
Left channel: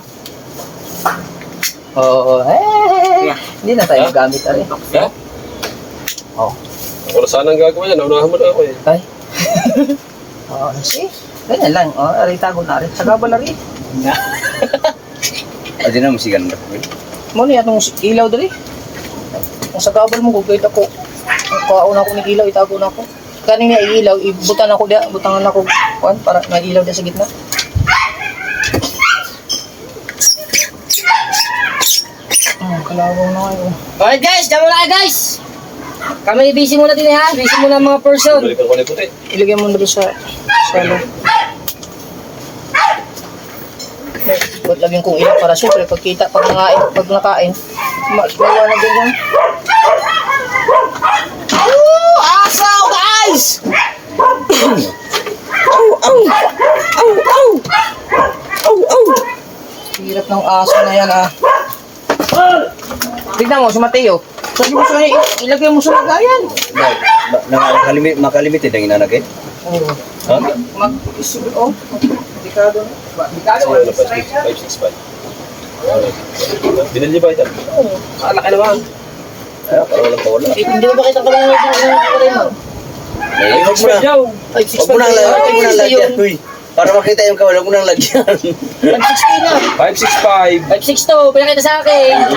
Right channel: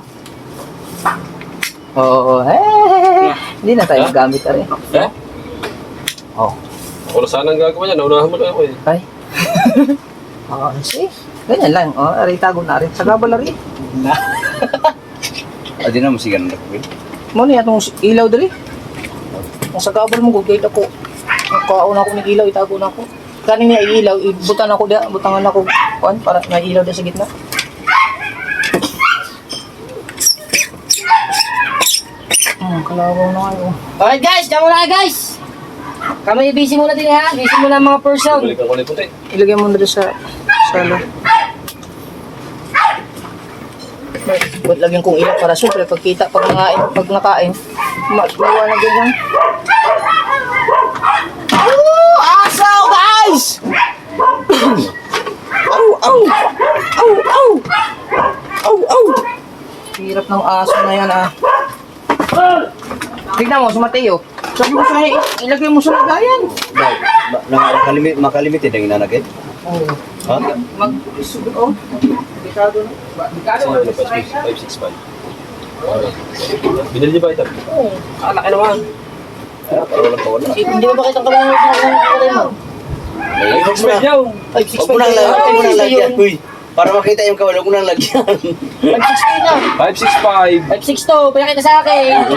Oo, Yeah. Hindi na tayo gamit pa rin. Eh? Oh. Ako na sana ang gagawin yan. Naunahan mo na ako eh. Ay. Oo, see? Ganyan lang. Oh, ari tago na rin. Sagabal na rin. Adi na, musigan na ko. Mo niya itong ilaw dali. Ang sagabal mo, gugayt ako. Ang kauna ko ng ilaw, itago na ako. Kaning nga ilaw, ibutan ako dia, butangan ako. Kuan, para may ilaw dia sa gitna. Kalawang na kayo. Alright guys, dyan muna kayo guys. Kami busy muna din ha. Busy muna ang mga person. Balik ang kulay puti. Ilagay mo na doon sa sala. Buat lagyan kong ilaw para siyempre pagkita, pag nakain, maliwanag din lang. Asaw guys! Au! Hirap ng aso na yan ah. Tignan mo si Mateo. Sabi mo sa ilagay mo sa lagayan. Makalimited ang inanagay. Oo. Ha? Oh, delikado na. Delikado Sino na ba? 565. Binili ba ito? Oo. Kalaki naman. Para walang kawala. Hindi ko ba kita ka lang mo? Ay, Huwag mo na. Huwag mo nang lagyan. Uy, para makita yung kawala, huwag mo nang lagyan. 560 na. 565. 562, pinakita sa akin.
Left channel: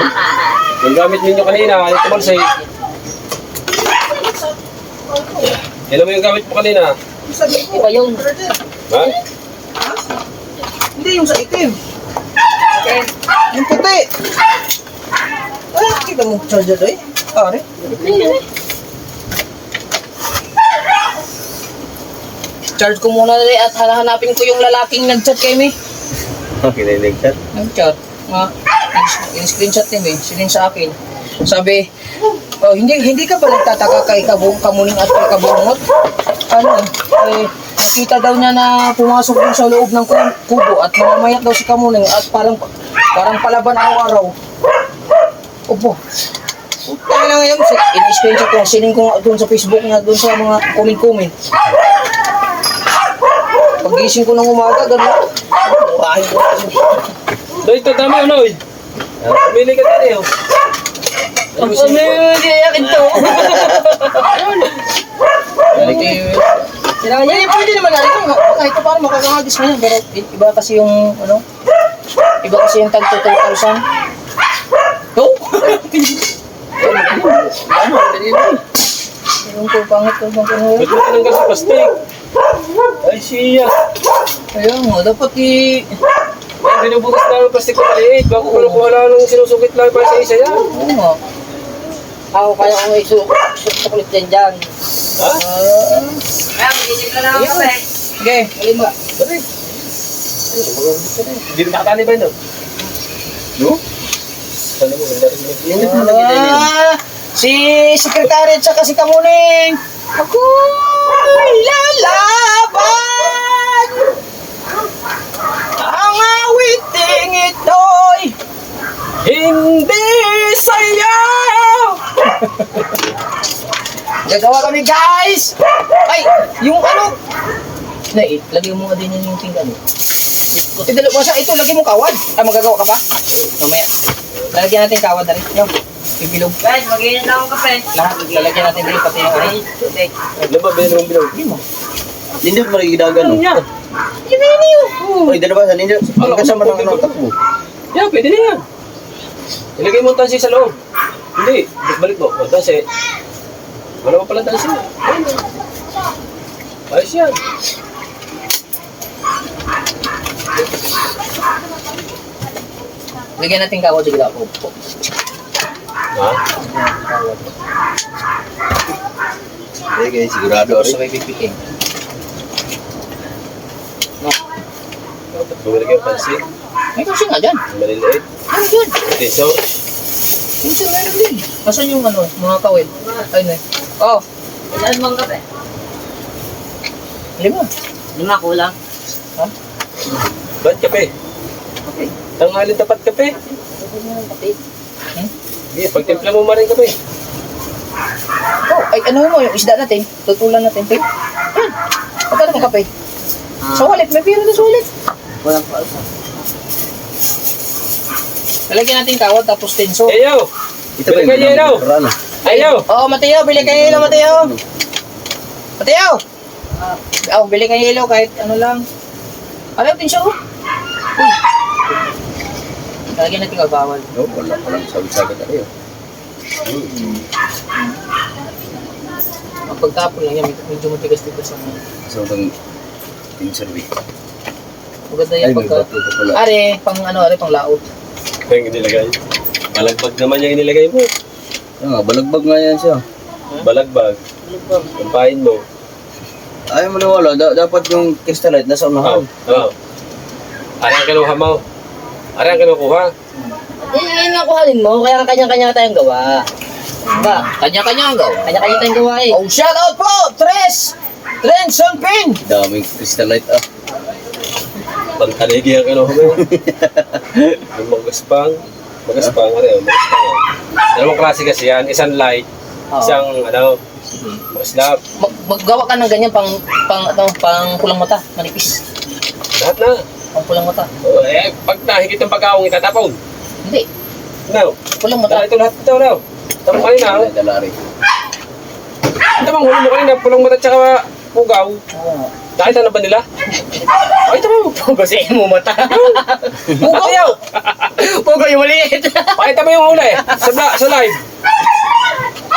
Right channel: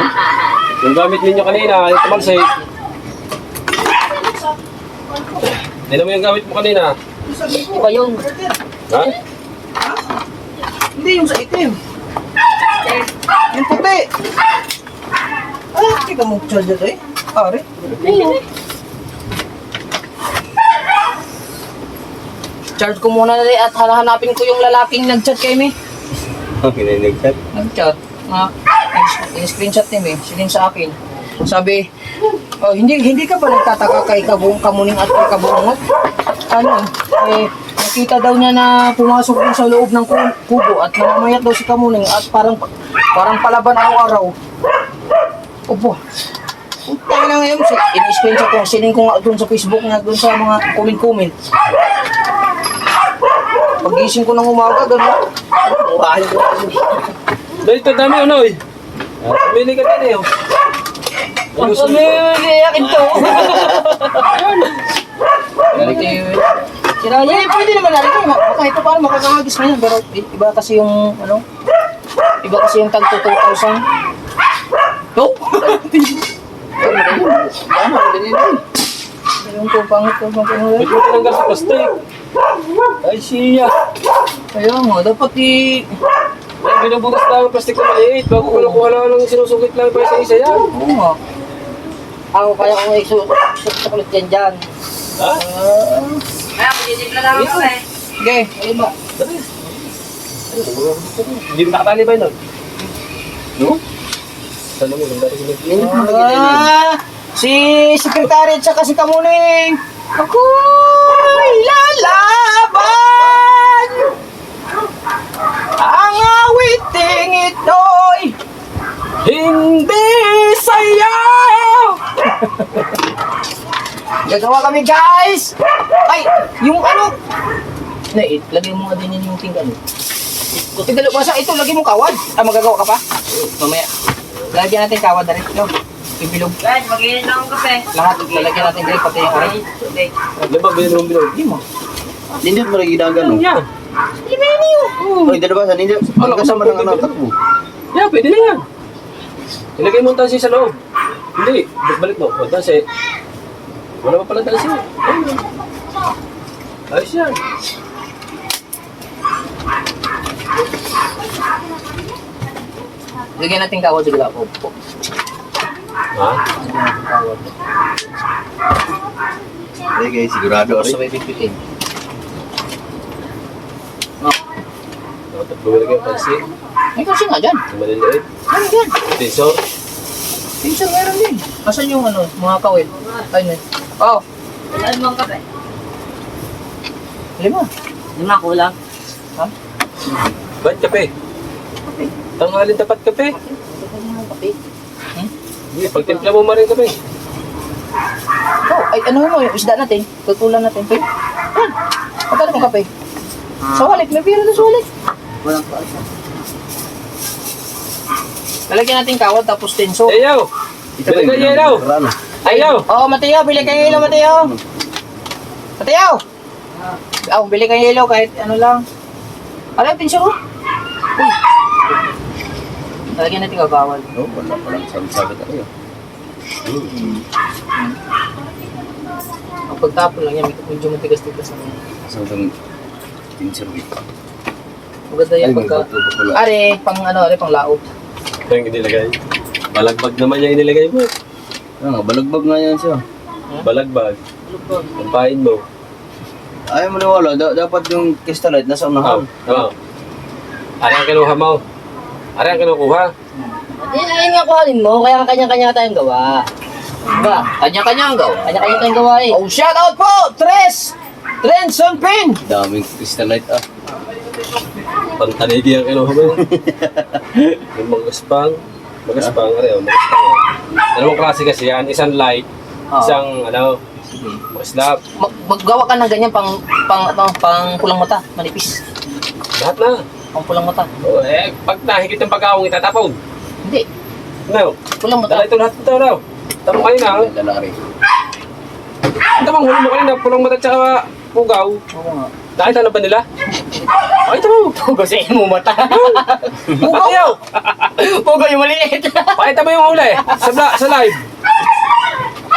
Yung gamit ninyo kanina, ito man say. Ilan mo yung gamit mo kanina? Iba yun. Ha? Hindi yung sa itim. Yung puti. Ah, kita mo charger eh. Pare. Charge ko muna dali at hanapin ko yung lalaking nag-chat kay me. Okay, nag-chat. Nag-chat. In-screenshot niya eh. Silin sa akin. Sabi, oh, hindi ka ba nagtataka kay Kamuning at kay Kabungot? Ano nakita daw niya na pumasok din sa loob ng kubo at namamayat daw si Kamuning at parang palaban araw-araw. Opo. Utang na ngayon. In-screenshot ko. Sining ko nga doon sa Facebook nga doon sa mga comment-comment. Pagising ko ng umaga, gano'n. Murahin ko kasi. Doy, ito dami ano eh. Pumili ka din eh. Oh. Ang pamiliyakin to. Pwede naman natin ito. Kahit pa paano makakahagis mo yan. Pero iba kasi yung, ano, iba kasi yung tag 2,000. No? Ayun ko, pangit ko. Ba't mo tinanggal sa plastic? Ay, siya. Ayun nga, dapat Ay, binubukas lang ang plastic na maliit. Bago kinukuha lang ng sinusungkit lang pa isa-isa yan. oo nga. Ako kaya kung sukulit dyan. Ha? Kaya magiging ka lang ako eh. Sige, alin ba? Dali. Ay, hindi na nakatali ba yun? No? Sana mo, nandari si Mag. Si Secretary at saka si Kamuning. Ako'y lalaban. Ang awiting ito'y hindi sayaw. Gagawa kami, guys. Ay, yung ano. Lagay mo nga din yung tingkan. Ito, ito, lagay mo kawad. Ah, magagawa ka pa? Mamaya. Lalagyan natin kawad na rin. Yo, ibilog. Guys, mag-inom na akong kape. Lahat, lalagyan natin bilog pati yung orange. Ano ba, binilong bilog? Hindi mo. Hindi mo rin ginagano. Yan. Ay, dalabasan. Hindi. Ang kasama ng ano, takbo. Yeah, pwede na yan. Ilagay mo ang tansi sa loob. Hindi, balik mo. O, tansi. Wala pa pala tansi. Ayos yan. Lagyan natin kawad sa gila po. Ha? Okay, sigurado Tapos rin. sabay pipitin. Dapat bumalik yung tansi. May kasi nga dyan. Ang maliliit. Ano dyan? Tesor. Minsan meron din. Asan yung ano, mga kawil? Ayun eh. Oh, Ilan mong kape? lima. Lima kulang. Ha? Ba't kape? Tanghalin tapat kape. Sige, pagtimpla mo maring kape. Oh, ay ano mo yung isda natin? Tutulan natin. Pwede. Yan. Pagkano mong kape? Sa wallet. May pira na sa wallet. Walang pausa. Lalagyan natin kawad tapos tenso. Ayaw! Ito ba Bili ka yung yelo! rano? Ayaw! Oh, Mateo, bili kayo yelo, Mateo. Mateo! Oh, bili kayo yelo kahit ano lang. Alam, tenso. Uy. Lalagyan natin kagawad. No, wala pa lang sabi-sabi tayo. Ang pagtapon lang yan, medyo matigas-tigas lang yan. So, itong tinservi. Maganda Ay, yan may pagka... bato pa pala. Are, pang laot. Yung inilagay. Balagbag naman yung inilagay mo. Yan nga, balagbag nga yan siya. Balagbag. Pampain mo. Ayaw mo niwala, dapat yung crystalite nasa unahan. Oo. Ari ang kinuha mo. Ari ang kinukuha. Yan nga kuhalin mo, kaya kanya-kanya tayong gawa. Ba? Kanya-kanya ang gawa. Kanya-kanya tayong gawa eh. Oh, shout out po! Tres! Trenson Pin! Daming crystalite ah. Pantaligi ang kinuha mo. Yung magaspang. Magaspang, ari o, magaspang. Dalawang klase kasi yan. Isang light, isang slab. Maggawa ka ng ganyan pang pulang mata, manipis. Lahat na. Pang pulang mata. Oh, pag nahigit ng pagkaong itatapon. Hindi, No. pulang Dala mata. ito lahat ito daw. Tama kayo na. Dala rin. Ito bang huli mo kanina, pulong mata tsaka pugaw. Oo nga. Nakita na ba nila? Ay, ito mo. Kasi mo mata. Ayaw! Pugo yung maliit. Pakita mo yung huli sa live.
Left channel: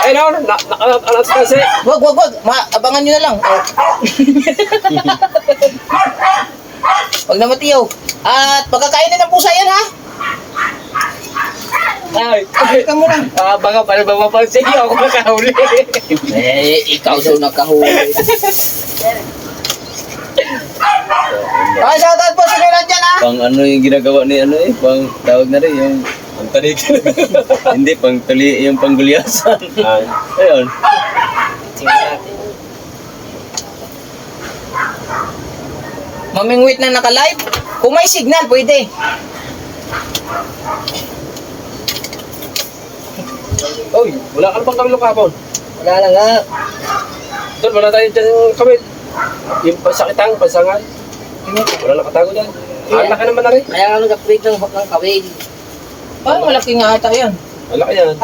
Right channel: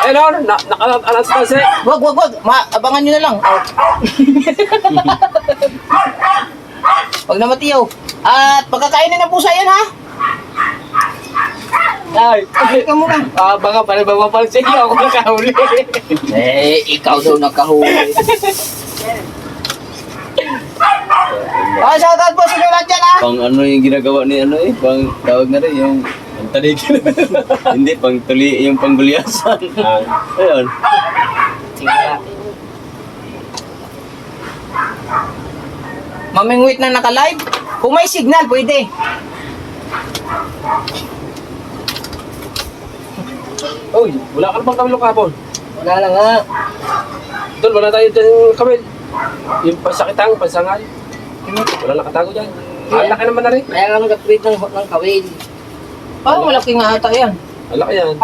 Ayun o, naka-announce kasi. Wag. Abangan nyo na lang. Oh. Pag namatiyaw. At pagkakainin ng pusa yan, ha? Ay, Ika mo lang. baka pala ba mapansin niyo ako nakahuli. Ikaw daw nakahuli. Ah, shoutout po sa lahat dyan, ha? Pang ano yung ginagawa ni ano eh, pang tawag na rin yung Ang tanigin. hindi pang tuli yung panggulyasan. Ay, Ayun. Mamingwit na naka-live. Kung may signal, pwede. Uy, wala ka na bang kamilong kapon? Wala lang nga. Tol, wala tayo dyan kamil. Yung pansakitang, pansangal. Wala nakatago dyan. Ang laki naman na rin. Kaya nga nag-upgrade ng kawil. Parang malaki nga ata yan. Ang laki yan.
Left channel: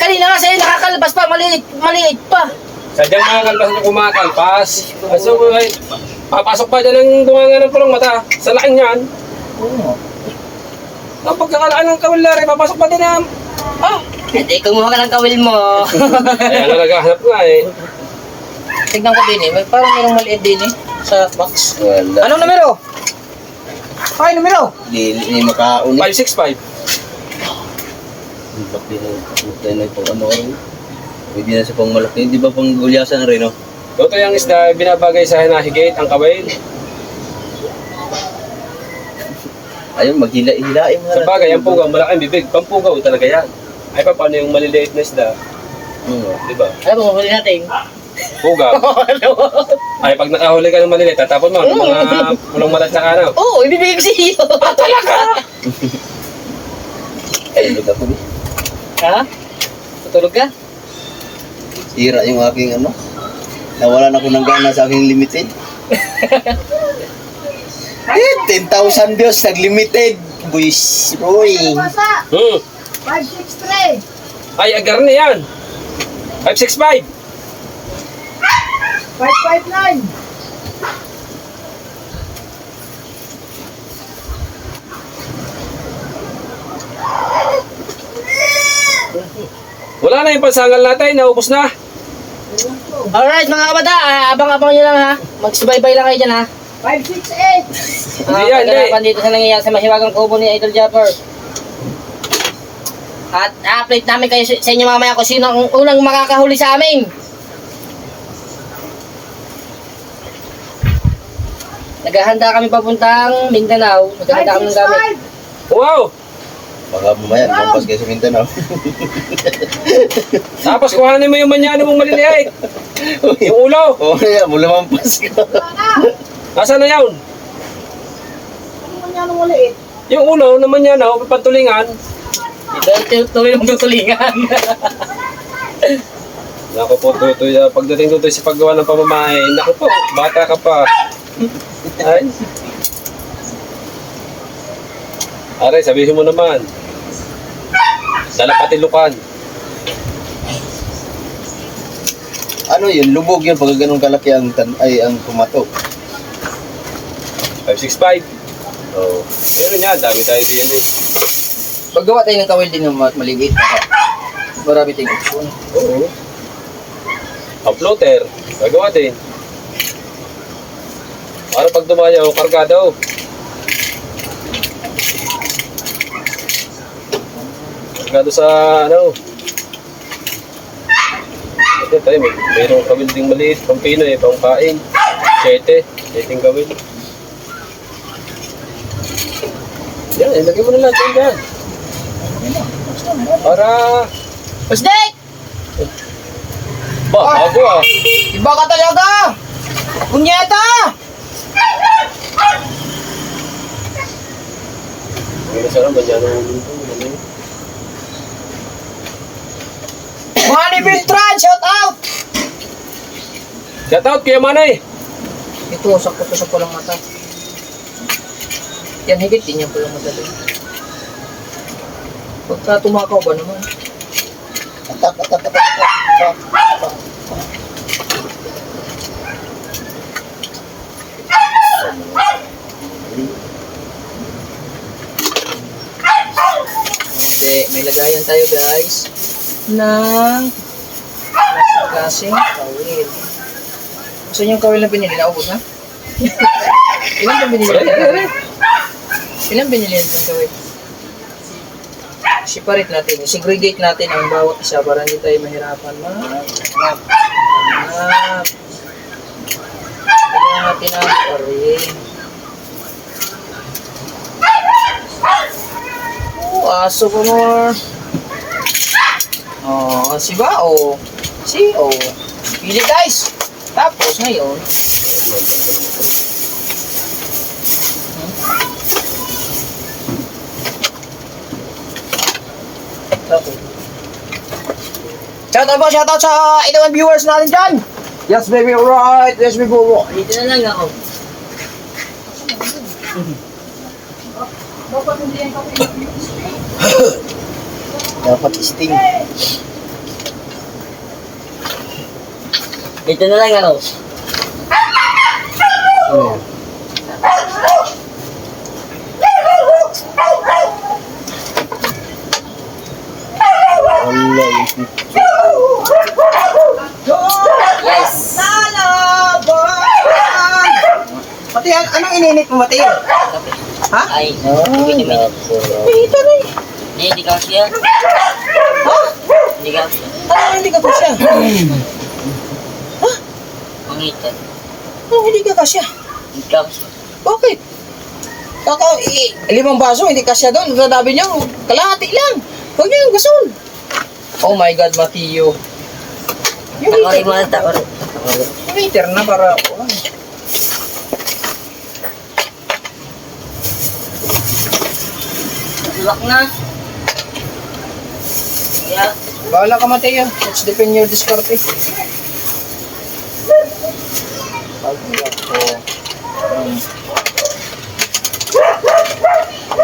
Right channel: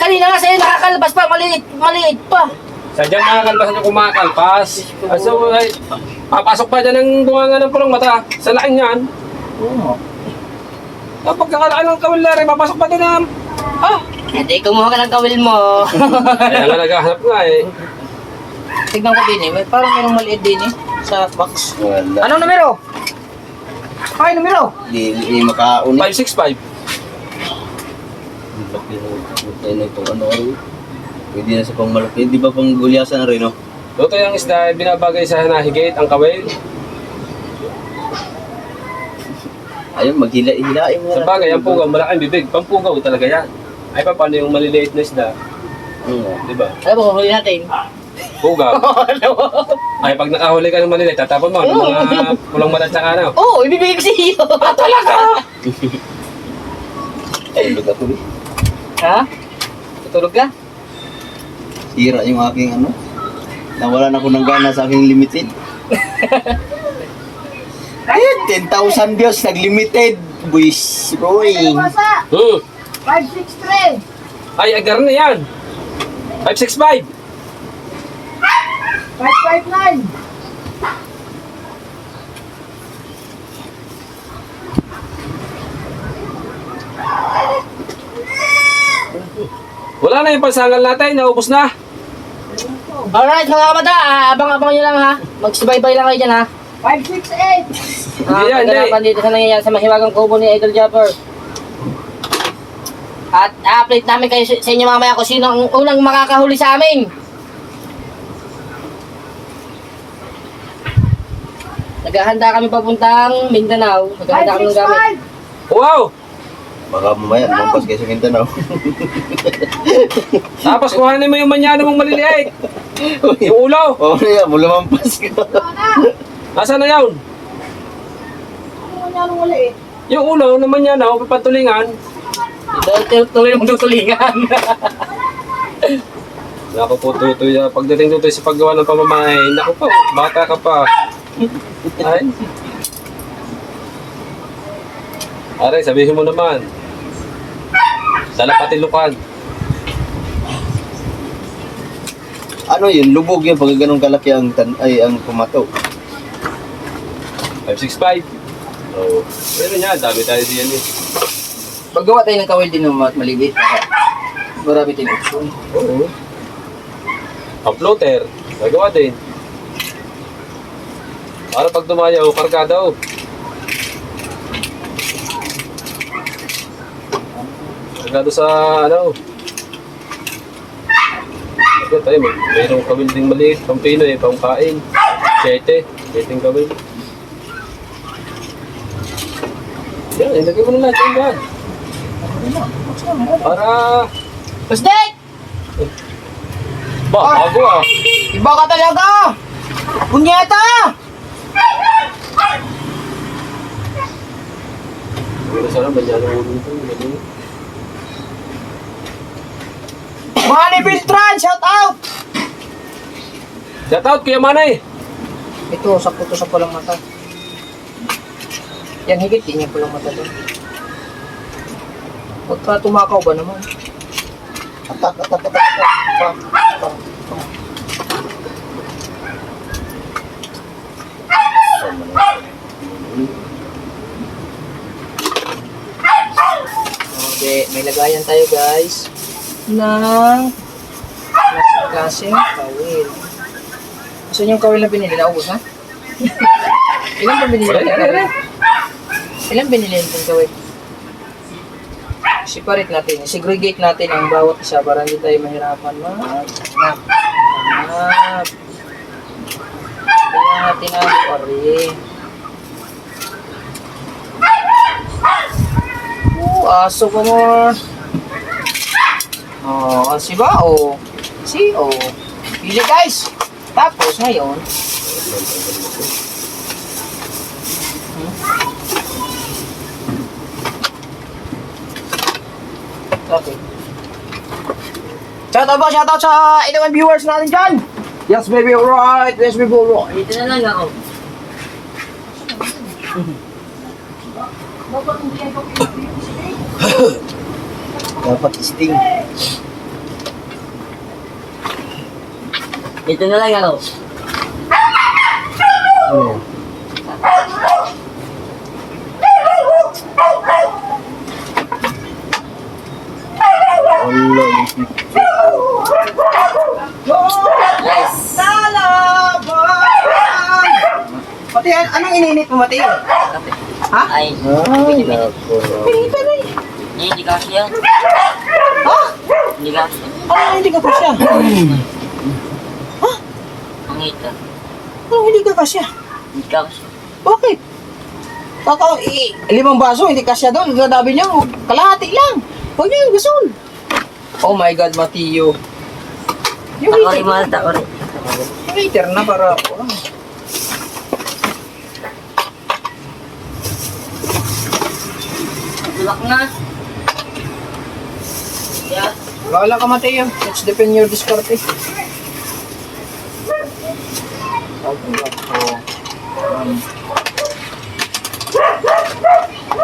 Kanina nga sa'yo nakakalabas pa, maliit pa. Sadyang makakalpas na kumakalpas. So, ay, papasok pa dyan ng bunganga ng pulong mata. Sa laking yan. Oo. Kapag kakalaki ng kawilari, papasok pa din ang... Hindi, kumuha ka ng kawil mo. Kaya nga naghahanap nga eh. Tignan ko din eh. Parang merong maliit din eh. Sa box. Wala. Anong numero? Ay, numero? Di makauni. 565. Ang laki ng ito. Ano rin? Pwede na sa pang malaki. Di ba pang gulyasan na rin, no? Toto yung isda, binabagay sa hinahigit, ang kawil. Ayun, maghila-hilain mo Sa bagay, ang pugaw, malaking bibig. Pampugaw talaga yan. Ay, paano yung maliliit na isda? Di ba? Alam mo, huli natin. Pugaw. Ay, pag nakahuli ka ng maliliit, tatapon mo. Ng mga pulong mata tsaka ano. Oo, ibibigay ko sa iyo. Tulog ako, eh. Ha? Tutulog ka? Sira yung aking ano. Nawalan ako ng gana sa aking limited. 10,000 Diyos, nag-limited. Boys, Roy. Hmm. 563. Ay, agar na yan. 565. 559. Wala na yung pansangal natin, naubos na. Alright mga kabata, abang-abang nyo lang ha. Magsubaybay lang kayo dyan ha. 568. Hindi yan, hindi. Kaganapan dito sa nangyayari sa mahiwagang kubo ni Idol Japper. At update namin kayo sa inyo mamaya kung sino ang unang makakahuli sa amin. Naghahanda kami papuntang Mindanao. Naghahanda kami ng gamit. 565. Wow! Baka mamaya, lumampas kayo sa Mindanao. Tapos kuhanin mo yung manyano mong maliliit. Yung ulo. Oo, yeah, lumampas ka. Nasaan na yun? Ano mo niya nung ulit? Yung ulo ng manyano, patulingan. Tuloy mong tutulingan. Naku po, Tutoy. Pagdating Tutoy sa paggawa ng pamamahay, naku po, bata ka pa. Ay. Aray, sabihin mo naman. Dalapatilukan. Ano yun? Lubog yun pag ganun kalaki ang ang pumato. 565. Oh. Pero niya, dami tayo diyan eh. Paggawa tayo ng kawil din ng maliit. Marami tayong option. Oo. Uploader. Gagawa din. Para pag tumayaw, karga daw. Kargado sa ano. Ito tayo, mayroong kawil ding maliit. Pang Pinoy, pang kain. 7 kawil. Yan, ilagay mo na natin yan. Para... Pusdik! Bago ah. Iba ka talaga! Kunyeta! Ano sana ba dyan ang ulo ito? Manny Beltran, shout out! Shout out kaya Manay! Ito, sakto to sa palang mata. Yan, higit din yan palang mata din. Pagka tumakaw ba naman? Atak. Okay, may lagayan tayo guys ng klaseng kawil. So yung kawil na pinili, naubos ha? Ilan ba binili natin? Ilan binili natin kawil? Separate natin, segregate natin ang bawat isa para hindi tayo mahirapan maghanap. Kaya natin ang paring. Aso pa mo. Oh, si ba? Oh. Si, oh. Pili guys. Tapos ngayon. Okay. Shoutout sa ilang viewers natin dyan. Yes baby, alright. Yes baby, alright. Dito na lang ako. Dapat sting. Ito na lang ano. Ano yan? Wala yung Yes. Mateo, anong ininit mo, Mateo? Ha? Ay, Pinito na eh. hindi kasi yan. Ha? Hindi kasi. Ano hindi ka kasya? Pangitan. Ano hindi ka kasya? Hindi kasi. Bakit? Limang baso, hindi kasya doon. Sabi niyo, kalahati lang. Huwag niyo yung gasol. Oh my God, Mateo. Yung Ako rin liter, mga tako rin. yung liter na para... Tulak na. Yeah. Bawala ka, Mateo. Let's depend your diskarte.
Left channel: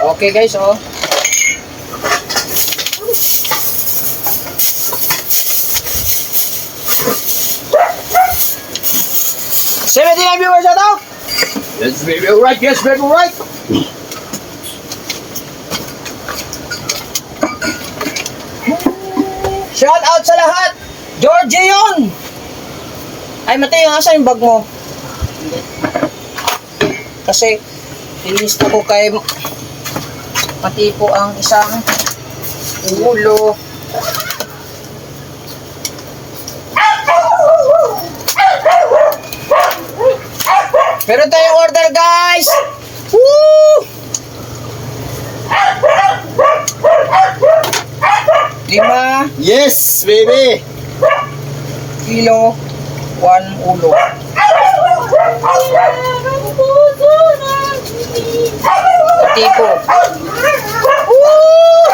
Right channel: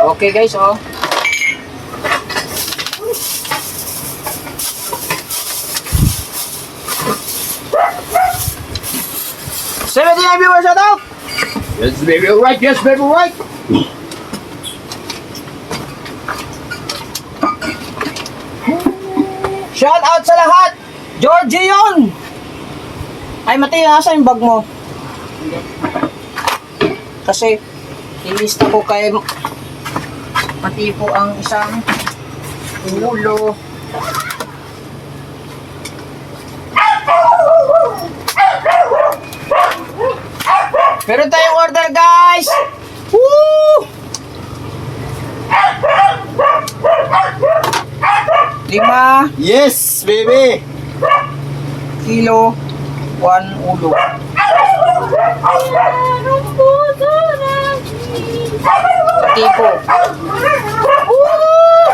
Okay guys, oh. Seventy nine viewers, shout out! Yes, baby, alright. Yes, baby, alright. Shout out sa lahat! Georgie yun! Ay, Mateo, nasa yung bag mo? Kasi, ilista ko kay pati po ang isang ulo. Meron tayong order, guys! Woo! 5 Yes, baby! kilo, 1 ulo. Tipo. Woo!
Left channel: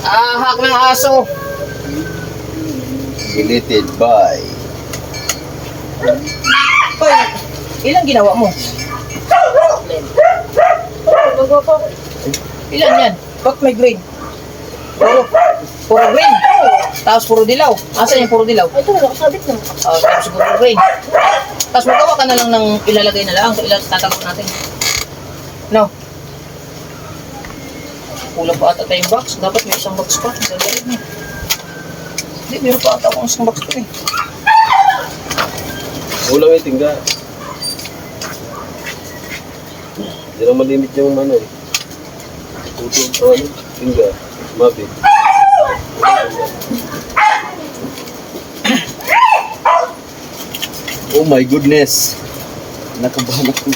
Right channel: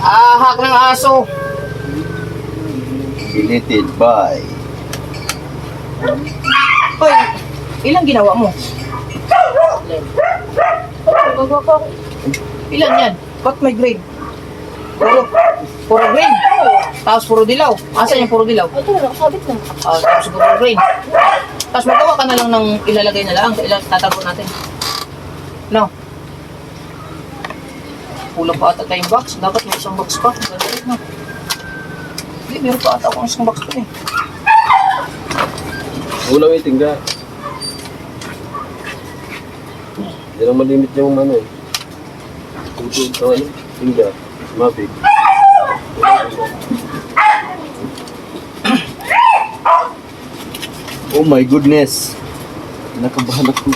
Ahak ng aso. Deleted by... Hoy, ilang ginawa mo? Ilan yan? Ba't may green? Puro green. Tapos puro dilaw. Asan yung puro dilaw? Ito, nakasabit na. Tapos puro green. Tapos magawa ka na lang ng ilalagay na lang sa tatapon natin. No. Kulang pa ata tayong box. Dapat may isang box pa. Dali mo. Hindi, meron pa ata akong isang box pa eh. Ulang yung tingga. Hindi lang malimit yung ano eh. Puto, ano, tingga. Mabig. Oh my goodness! Nakabahan ako.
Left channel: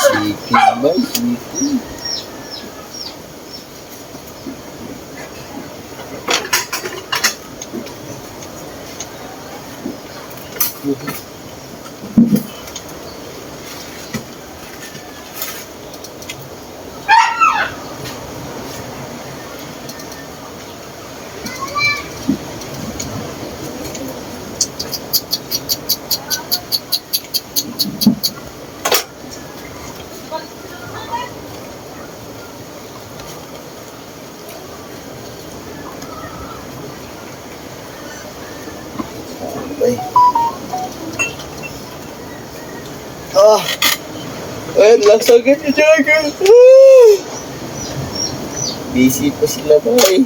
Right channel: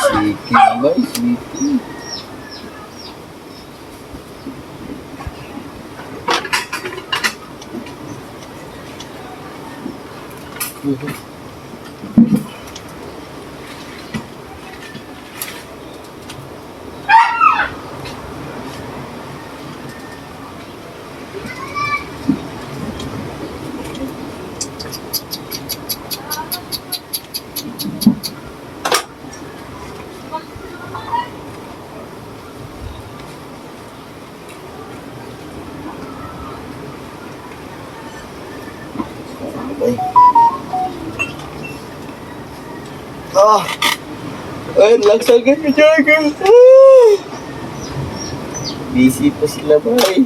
Siki ba? Siki. Okay. Oh, Ay, lagsagad na Jagger. Busy pa sila ba eh.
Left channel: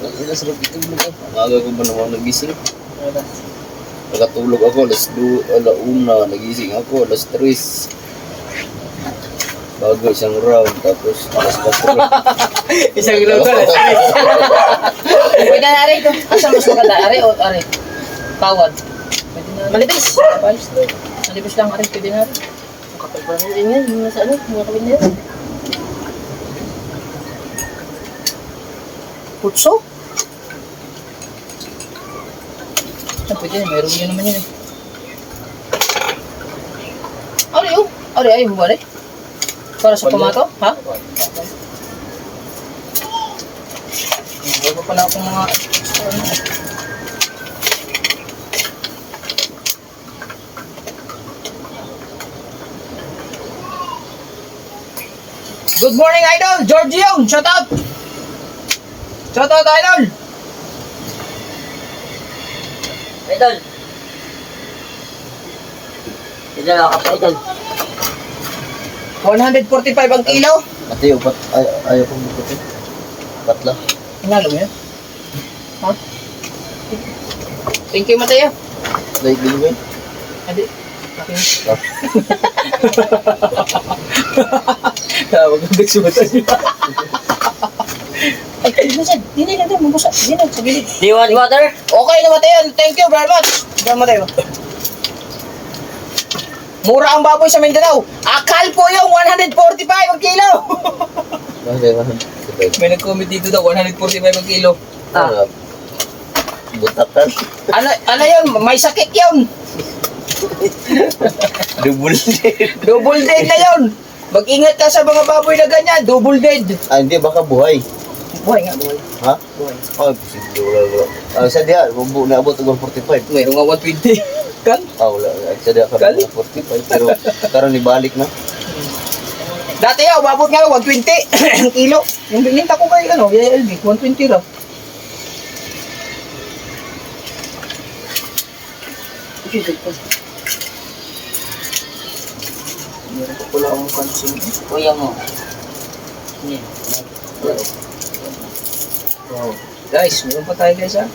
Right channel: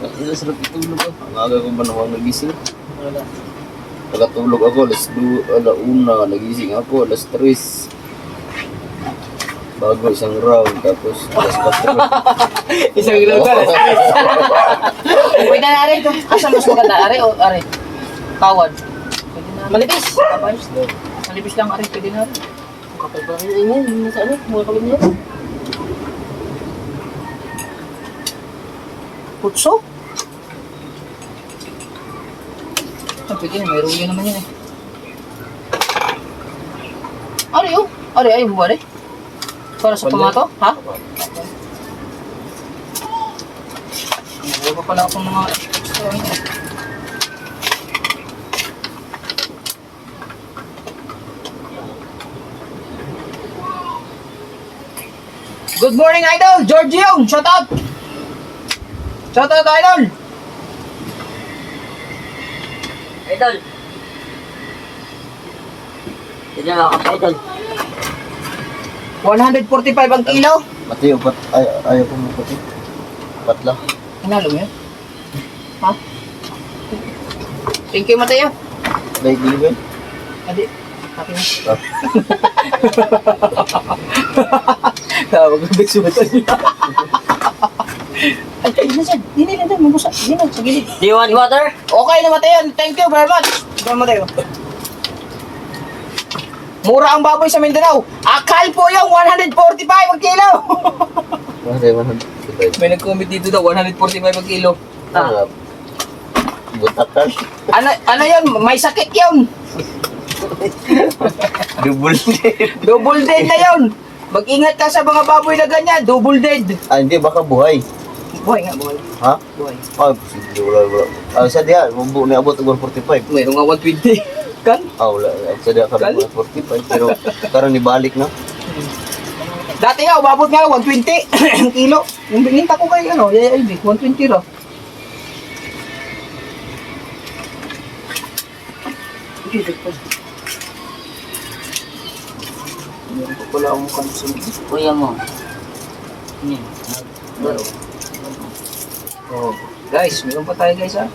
Ang sarap itulog ako. Ang aga ko ba namang nagising? Pagkatulog ako, alauna, nagising ako, alas 3. Bago isang round, tapos alas 4. Isang ilaw ka. Pwede na rin ito. Asan mas maganda? Are o are? Tawad. Pwede na. Malipis. Malipis lang are. Pwede na rin. Ang kapal pa rin yan. Yung nasa ano? Mga kapal na yan. Putso? Ah, pwede na. Mayroon yun naman yun eh. Are yun? Are ayaw mo ba rin? Para sa tomato? Ha? Wala pa pala akong mga extra ano. Good morning, Idol! George Young! Shout out! Shout out, Idol! Idol. Idol, ako idol. 145 ang kilo. Mateo, ayaw ko mo ito. Patla. Hinalo mo yun? Ha? Thank you, Mateo. Like din Adi. Akin. Tawag ang bigsi mata niya. Ay, nasaan? Hindi na doon. Mabusa. Hindi na. Sa gilid. Do you want water? Okay na, Mateo. Thank you very much. Diyan, Mateo. Mura ang baboy sa Mindanao. Akal po yung 145 ang kilo. May nag-comment dito daw, 145 ang kilo. Butakan. Ano yun? May sakit yun. Double dead. Double dead na yun. Mag-ingat ka sa mga baboy na ganyan. Double dead. Ah, hindi, baka buhay. Buhay nga, buhay. Ha? Buhay. Ah, posible, wala. Ah, sa diya, naabot ang 145. Mayroon nga 120. Kan? Ah, wala. Sa diya ka Kali? 145. Pero karang nibalik na. Dati nga, umabot nga 120 ang kilo. Yung bininta ko kay Yaya LB, 120 raw. Meron pa pala akong kansin. Kuya mo. Oh. Guys, meron pa tayo guys ha.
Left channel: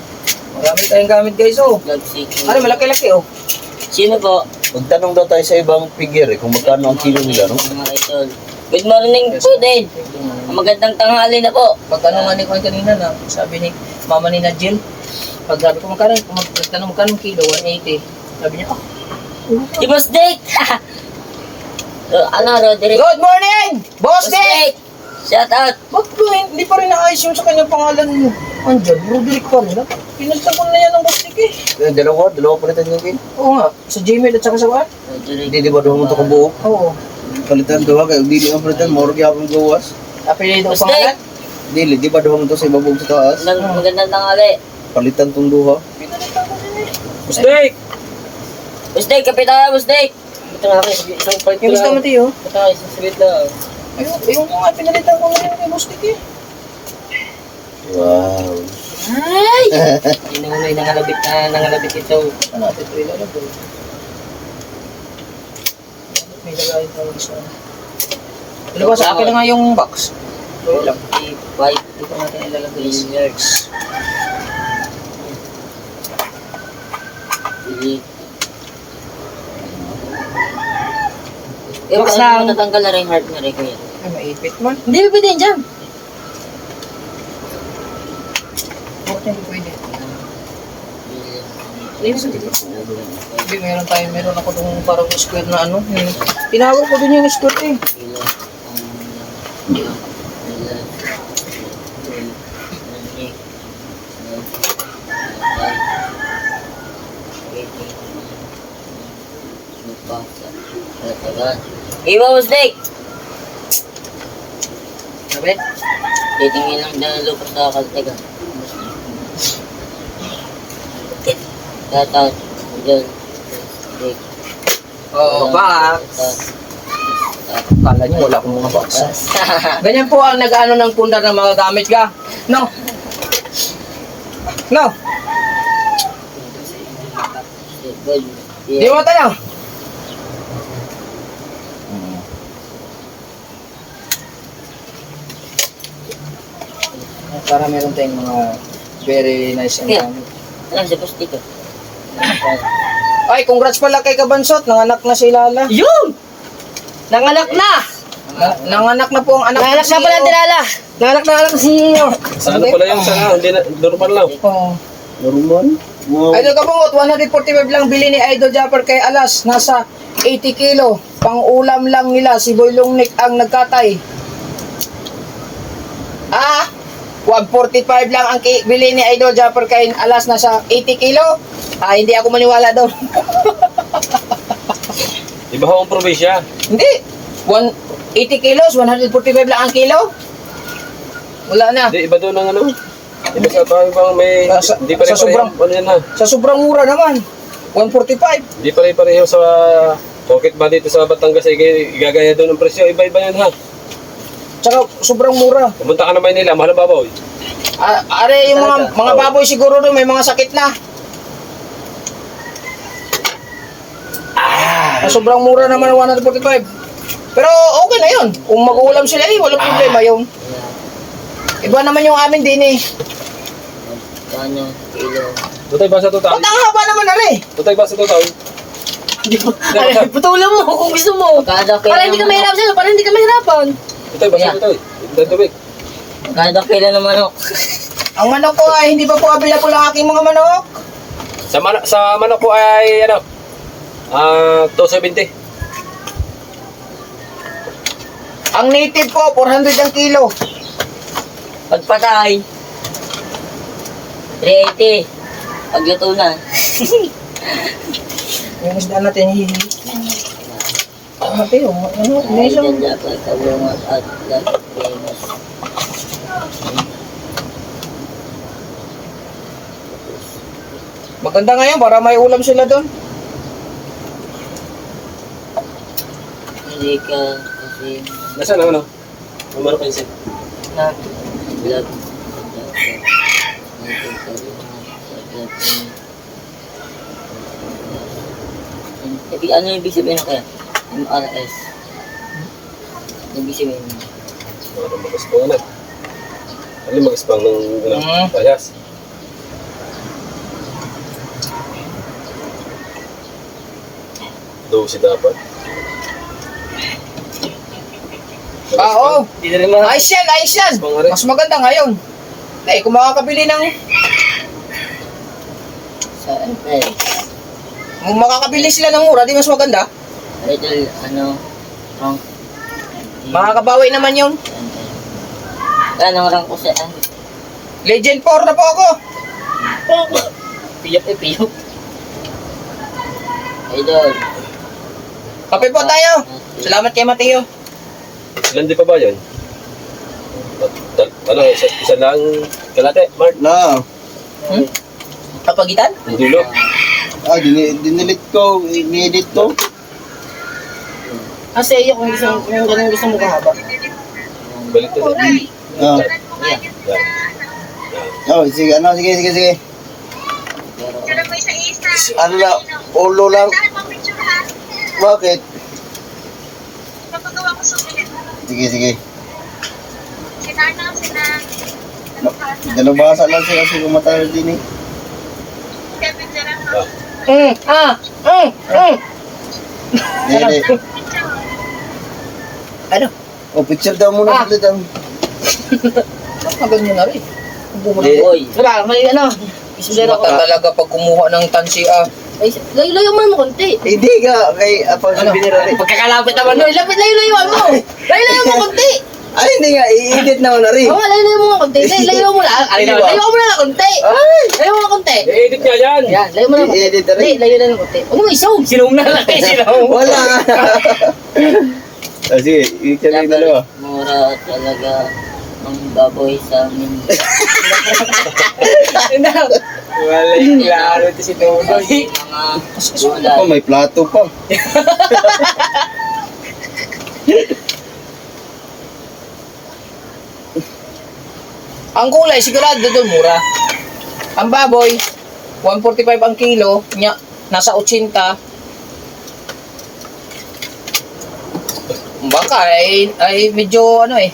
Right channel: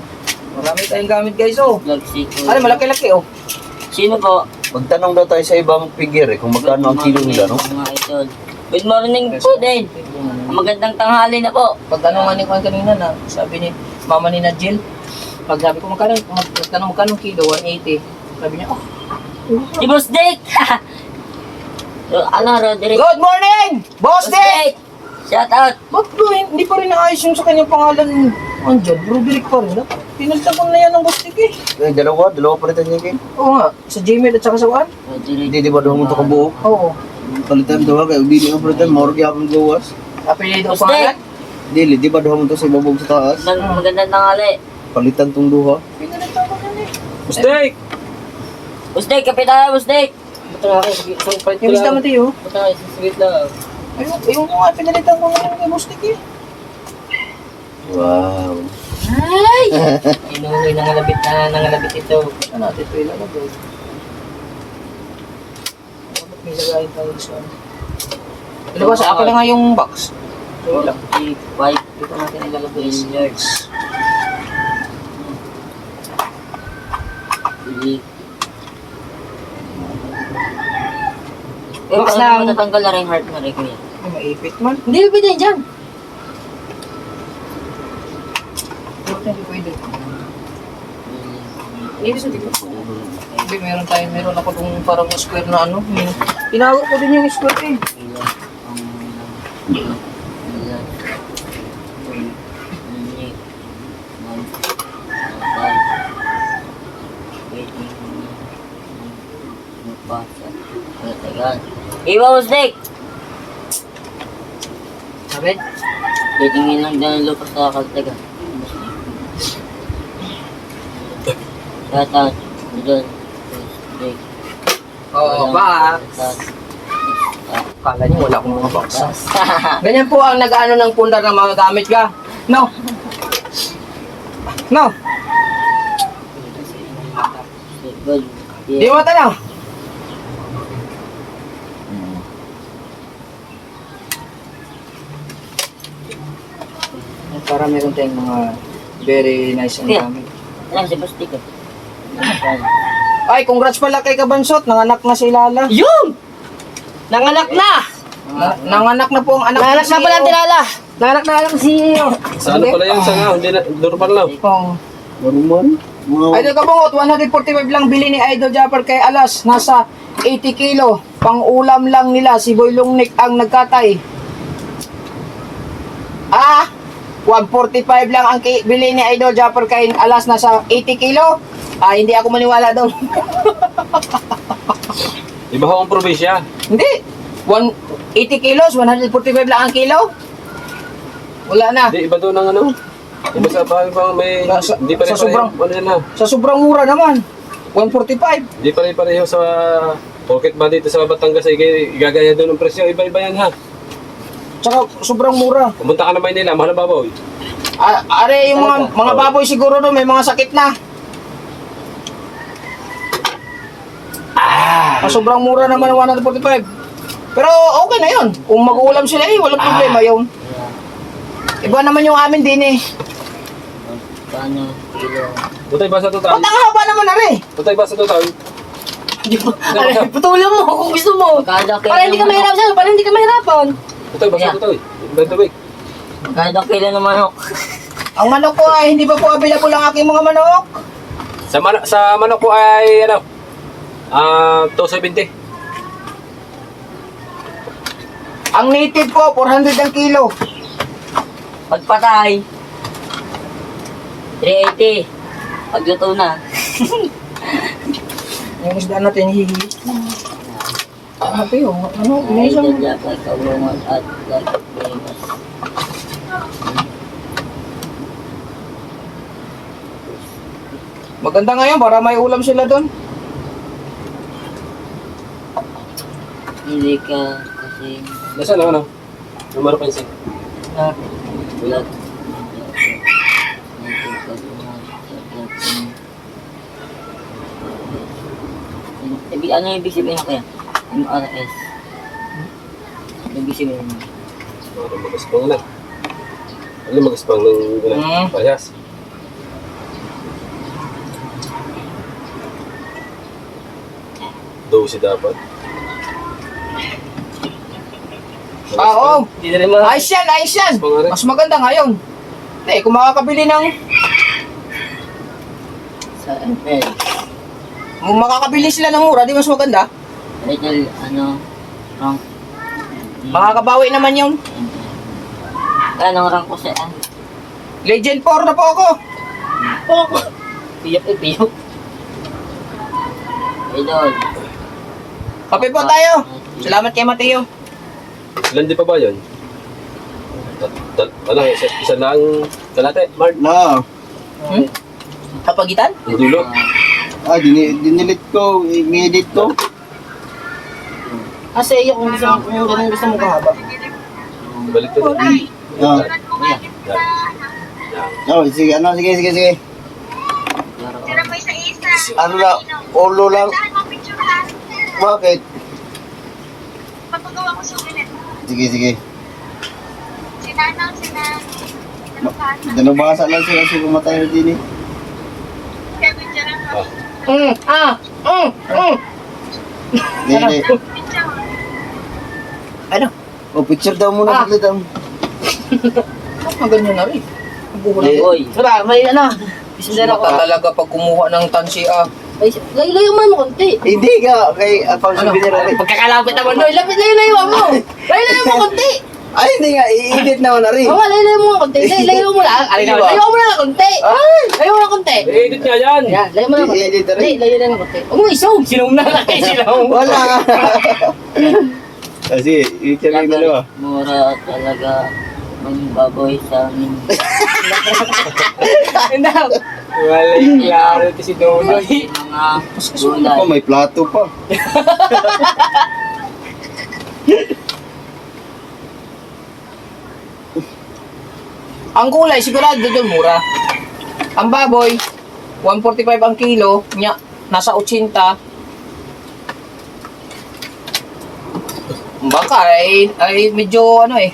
Marami tayong gamit guys oh. Nagsiku. Ano, malaki-laki oh. Sino po? Magtanong daw tayo sa ibang figure kung magkano ang kilo nila, no? Mga idol. Good morning po din. Magandang tanghali na po. Pag ano nga ni Juan kanina na, sabi ni mama ni Najil, pag sabi ko magkano ang kilo, 180. Sabi niya, oh. Si Boss Dick! Ano, Roderick? Good morning! Boss Dick! Shout out! Ba't bro, hindi pa rin naayos yung sa kanyang pangalan andyan, Roderick pa rin. Pinalitan ko na yan ng Boss Dick eh. Dalawa palitan niya kayo. Oo nga, sa Gmail at saka sa Juan? Roderick. Hindi, di ba daw mo ito kabuo? Oo. Palitan daw kayo, hindi ang palitan, morgue akong gawas. Apelido Boss pangalan? Dili, di ba daw mo ito sa ibabog sa taas? Magandang tanghali. Palitan tong duha. Pinalitan ko din eh. Mistake! Boss Dick, kapit tayo, Boss Dick! Ba't nga kayo? Isang palit ko Yung lista lang. mo tayo. Ba't nga, isang saglit lang. Ayun ko nga, pinalitan ko nga kay Boss Dick eh. Wow. Ay! Inuuloy, nangalabit ito. Ano natin ito ilalagay? May lagayin tayo sa... Diba sa akin na nga yung box. Wait lang. 45 Dito natin ilalagay. years. Eh, Box paano lang. matatanggal na rin yung heart na rin, kuya? Ay, maipit man. Hindi, pwede yan dyan. Bakit hindi pwede? Linis hindi ko. Hindi, meron ako itong parang square na ano. Tinawag ko din yung square eh. Iba, Boss Dick! Sabi? Titingin lang dyan ang lupa sa kaltaga. Tatat, Udol, Boss Dick. Oo, box. Kala niyo wala akong mga box. Ganyan po ang nag-ano ng pundar ng mga gamit ka. No? No? Di mo tayo. para meron tayong mga very nice and Yeah. yummy. Alam, sa plastic ko. Ay, congrats pala kay Kabansot. Nanganak na si Lala. Yun! Nanganak na! Nanganak na po ang anak Nanganak na pala ang Lala. Nanganak na anak si CEO. Sa ano pala yan? Sa nga, hindi na, normal lang. Oh. Normal? Wow. Idol Kabungot, 145 lang bili ni Idol Japper kay Alas. Nasa 80 kilo. Pang-ulam lang nila. Si Boy Lungnik ang nagkatay. 145 lang ang bili ni Idol Japper kay Alas. Nasa 80 kilo. Hindi ako maniwala daw. Iba ho ang probinsya. Hindi. 80 kilos, 145 lang ang kilo. Wala na. Hindi, iba doon ang ano. Iba sa bahay bang may... Sa- Hindi pare-pareho. sa sobrang- Ano yan ha? Sa sobrang mura naman. 145. Hindi pare-pareho sa pocket ba dito sa Batangas ay igagaya doon ang presyo. Iba-iba yan ha. Tsaka sobrang mura. Pumunta ka na Maynila, mahal ang babaw. Are yung mga baboy siguro no, may mga sakit na. Sobrang mura naman ng 145. Pero okay na yun. Kung mag-uulam sila walang problema yun. Iba naman yung amin din eh. Kano, kilo. Tutay ba sa total? Ba't ang haba naman na rin? Tutay ba sa total? Ay, putulan mo kung gusto mo. Kada kilo. Para hindi ka mahirap sa'yo, para hindi ka mahirapan. Tutay ba sa Yeah. total? Dadawik. Kada kilo ng manok. Ang manok ko ay hindi pa po available ang aking mga manok. Sa manok ko ay ano? 270. Ang native ko, 400 ang kilo. Pagpatay. 380. Pagluto na. Yung isda natin hihi. Happy yung ano, may isang... Ay, dapat kabungot at lagos. Maganda ngayon para may ulam sila doon. Hindi ka kasi Nasaan ang ano? Numero pinsin. na vlog. Ano yung ibig sabihin na kaya? MRS. Ano ibig sabihin? Ano magaspang na? Ano magaspang ng payas? Dosi dapat. Oo. Hindi na rin mga... Ayos yan, ayos yan. Pangari. Mas maganda ngayon. Kung makakabili ng... Sa ML. Kung makakabili sila ng mura, di mas maganda. Idol, ano? Rank. Makakabawi naman yun. Anong rank ko sa... Legend 4 na po ako. Piyok eh, piyok. Idol. Kape po tayo. Salamat kay Mateo. Ilan di pa ba yun? Ano, isa lang kalate, Mark? Na. Kapagitan? Yung dulo. Dinilit ko. I-edit ko. Kasi iyo kung ganun gusto mo kahaba. Balik to. Ah. Yeah. Yan. Oh, sige, sige. Ano na, ulo lang. Bakit? Papagawa ko souvenir. Sige. Sinanaw sila. Dalubasa lang sila si kumatay din eh. Kevin Jarang ako. Hindi. Ano? Oh, picture daw muna ulit ang. Ang ganyan na rin. Boy. Wala, may ano. Isudera ko. Mata talaga pag kumuha ng tansi Ay, layo-layo mo konti. Hindi ka, kay pang souvenir rin. Pagkakalapit naman doon. Layo-layo mo. Layo-layo mo konti. Ay, hindi nga, i-edit na ako na rin. Oo, layo-layo mo konti. Layo mo lang. Layo mo lang konti. Layo mo lang konti. I-edit niya yan! Yan, layo mo lang konti. I-edit na rin. Layo lang konti. Huwag mo isow. Sinong na lang kayo sinaw. Wala nga. Sige, i-edit na dalawa. Mura talaga ang baboy sa amin. Wala yung klaro ito si Dodoy. Mga gulay. Oh, may plato pa. Ang kulay, sigurado doon mura. Ang baboy, 145 ang kilo, nasa 80. Baka ay medyo ano eh.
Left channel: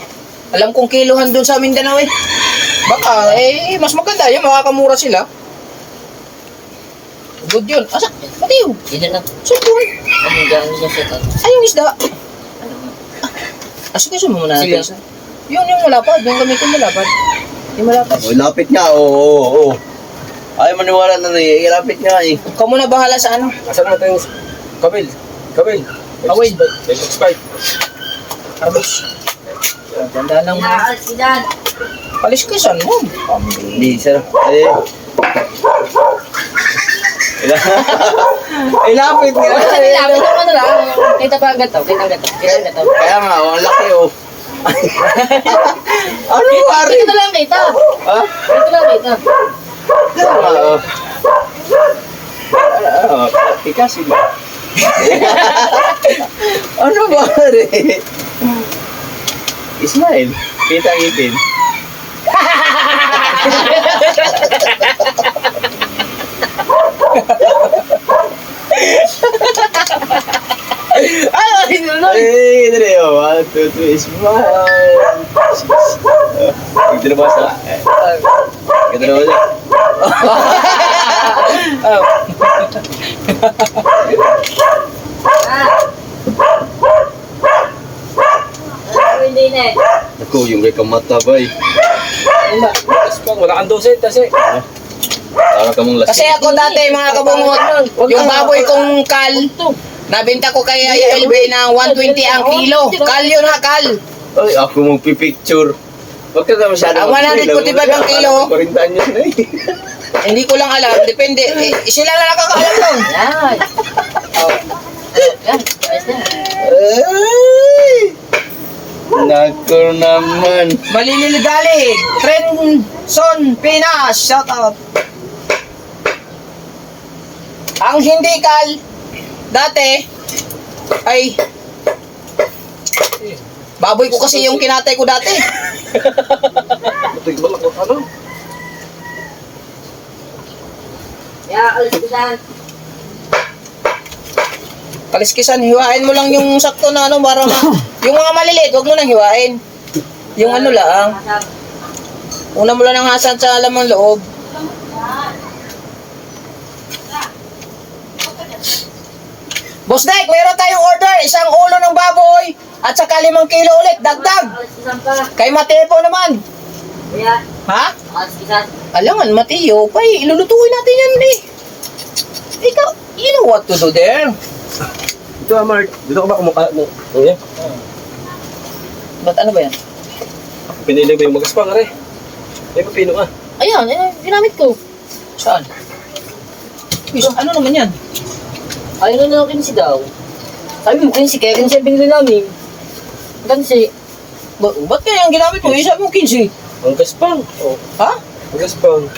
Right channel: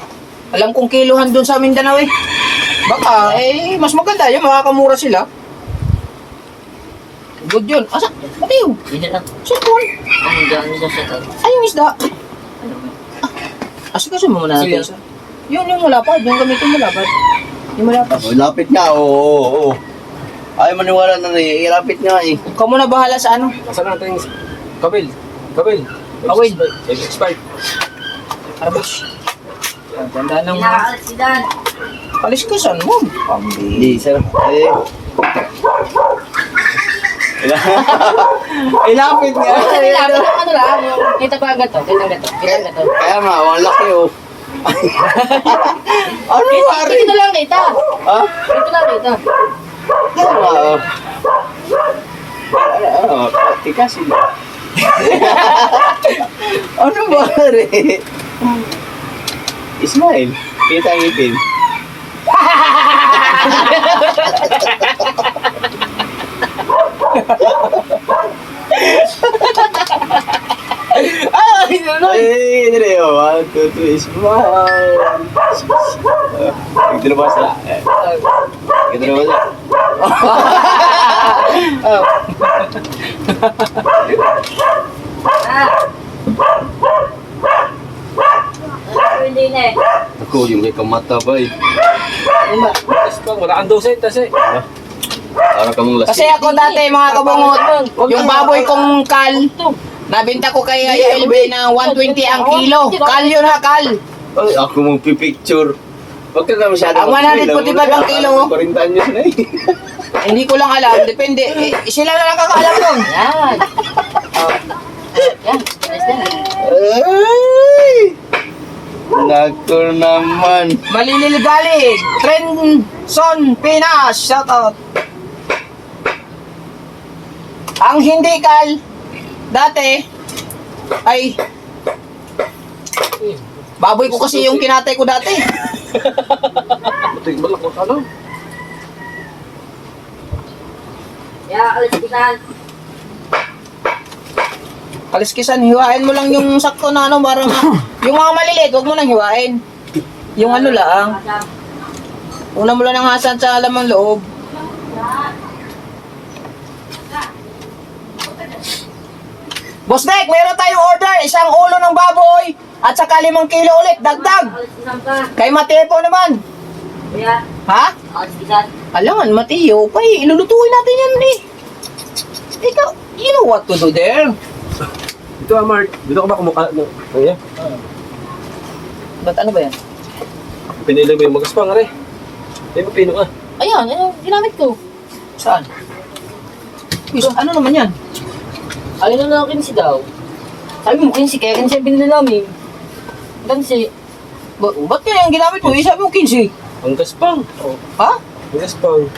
Alam kong kiluhan doon sa Mindanao eh. Baka, mas maganda yun, makakamura sila. Good yun. Asa? Matiyo. Hindi na. Sipon. Ang gano'n na siya. Ay, yung isda. Asikaso mo muna natin. Yun, yung malapad. Yung gamitin malapad. Yung malapad. Oh, lapit nga, oo. Ay, maniwala na rin. Ilapit nga eh. Ikaw muna bahala sa ano. Nasaan natin yung kabil? Kabil. Kawil. X5. Arbus. Ganda lang. Kaliskisan mo. Hindi, sir. Ay, lapit nga. Lapit yung ano lang. Kita pa agad to. Kita agad to. Kaya nga, ang laki oh. Ano pare? Dito lang kita. Ha? Dito lang kita. Kaya nga oh. Tikasin ba? Ano pare? Ismail, kita ang ipin. Ay, dali oh. 1, 2, 3, smile. Ito na ba sa? Ito na ba sa? Hindi na eh. Ako, yung kay kamata ba eh. Gaspang, wala kang doset kasi. Para ka mong lasing. Kasi ako dati mga kabungot, yung baboy kong kal, nabenta ko kay LB ng 120 ang kilo. Kal yun ha, kal. Ay, ako mong pipicture. Huwag ka na masyado. Ang 145 ang kilo. 40 anyos na eh. Hindi ko lang alam, depende. Sila na nakakaalam nun. Yan. Yan. Ayos na. Ay! Nako naman. Malililigalig. Trenson Pinas. Shout out. Ang hindi kal, dati, ay, baboy ko kasi yung kinatay ko dati. Butik balak mo ano? Yeah, alis ko na. Kaliskisan, hiwain mo lang yung sakto na ano, para yung mga maliliit, huwag mo nang hiwain. Yung ano lang, una mo lang ng hasan sa laman loob. Boss Dek, mayroon tayong order, isang ulo ng baboy, at saka 5 kilo ulit, dagdag. Alis ko ka. Kay Mateo naman. Yeah. Ha? Alis ka. Alangan, Mateo, pay, ilulutuin natin yan eh. Ikaw, you know what to do there. Dito Mark, dito ka ba kumukha mo? Ano Ba't ano ba yan? Pinili mo yung magaspang, are. May mapino ka. Ayan, ginamit ko. Saan? Uy, ano naman yan? Ayun na lang si daw. Sabi mo kinsi, kaya kinsi ang binili namin. Kinsi. Ba't kaya yung ginamit mo? Sabi mo 15. Ang gaspang. Oh, Ha? ang gaspang.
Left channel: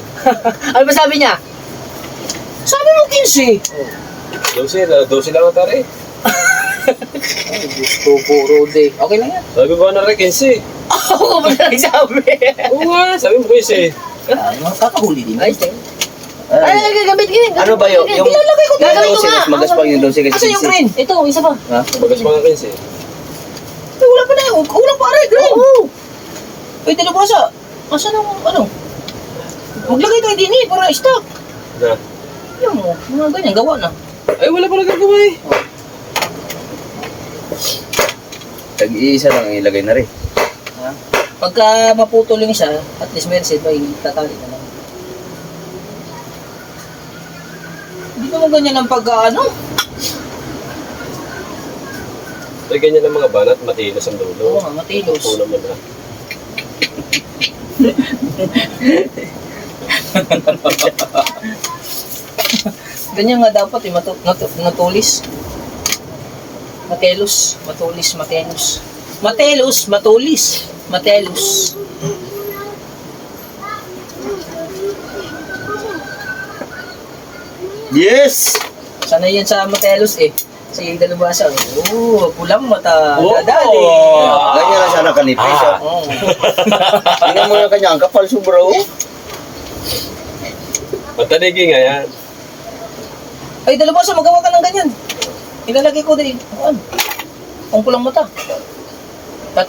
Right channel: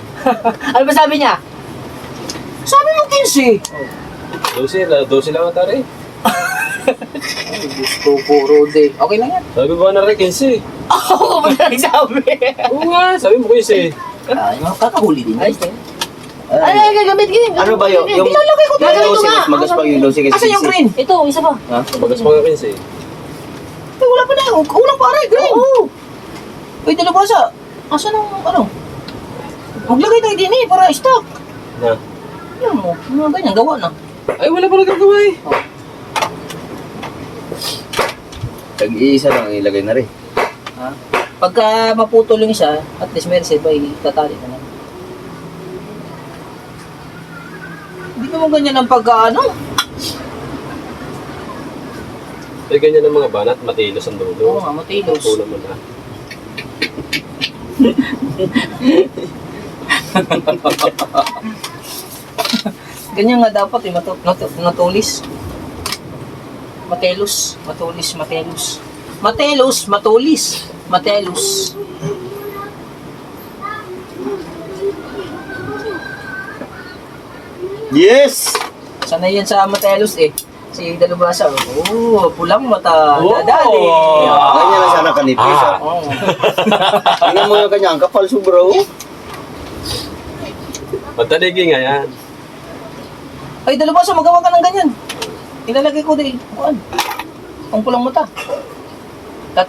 Ano ba sabi niya? Sabi mo 15. 12 lang ata rin. Ay, Diyos ko, puro day. Okay lang yan. Sabi ba na rin, 15? Ako ba na nagsabi? Oo nga, sabi mo 15. Ay, kakahuli din. Ayos din. Ay, gagamit ko yun. Ano ba yun? Yung Ilalagay ko Gagamit ko 12, nga. mas magaspang yung 12 kasi Asan yung green? Ito, isa pa. Ha? Magaspang ang 15. Ay, wala pa na. Ulang pare, green. Oo. Uy, dalubasa. Asan ang ano? Maglagay tayo din eh, para stock. Na. Yan mo, mga ganyan, gawa na. Ay, wala pala gagawa eh. Tag-iisa lang ang ilagay na rin. Ha? Pagka maputol yung isa, at least may reserve ay tatali na lang. Hindi naman ganyan ang pagka-ano. Ay, ganyan ang mga banat, matinos ang Oo dulo. nga, matilos. Oo naman na. Ganyan nga dapat eh, matulis. Matelos, matulis, matelos. Matelos, matulis, matelos. Yes! Sanay yan sa matelos eh. Sige, dalubasa. Oo, pulang mata. Oh! Dadali. Ganyan lang sana kanipis. Ah. Oo. Tingnan mo yung kanya, ang kapal sobra oh. Mataligi nga yan. Ay, dalubasa, magawa ka ng ganyan. Ilalagay ko din. Ano? Ang pulang mata. 3.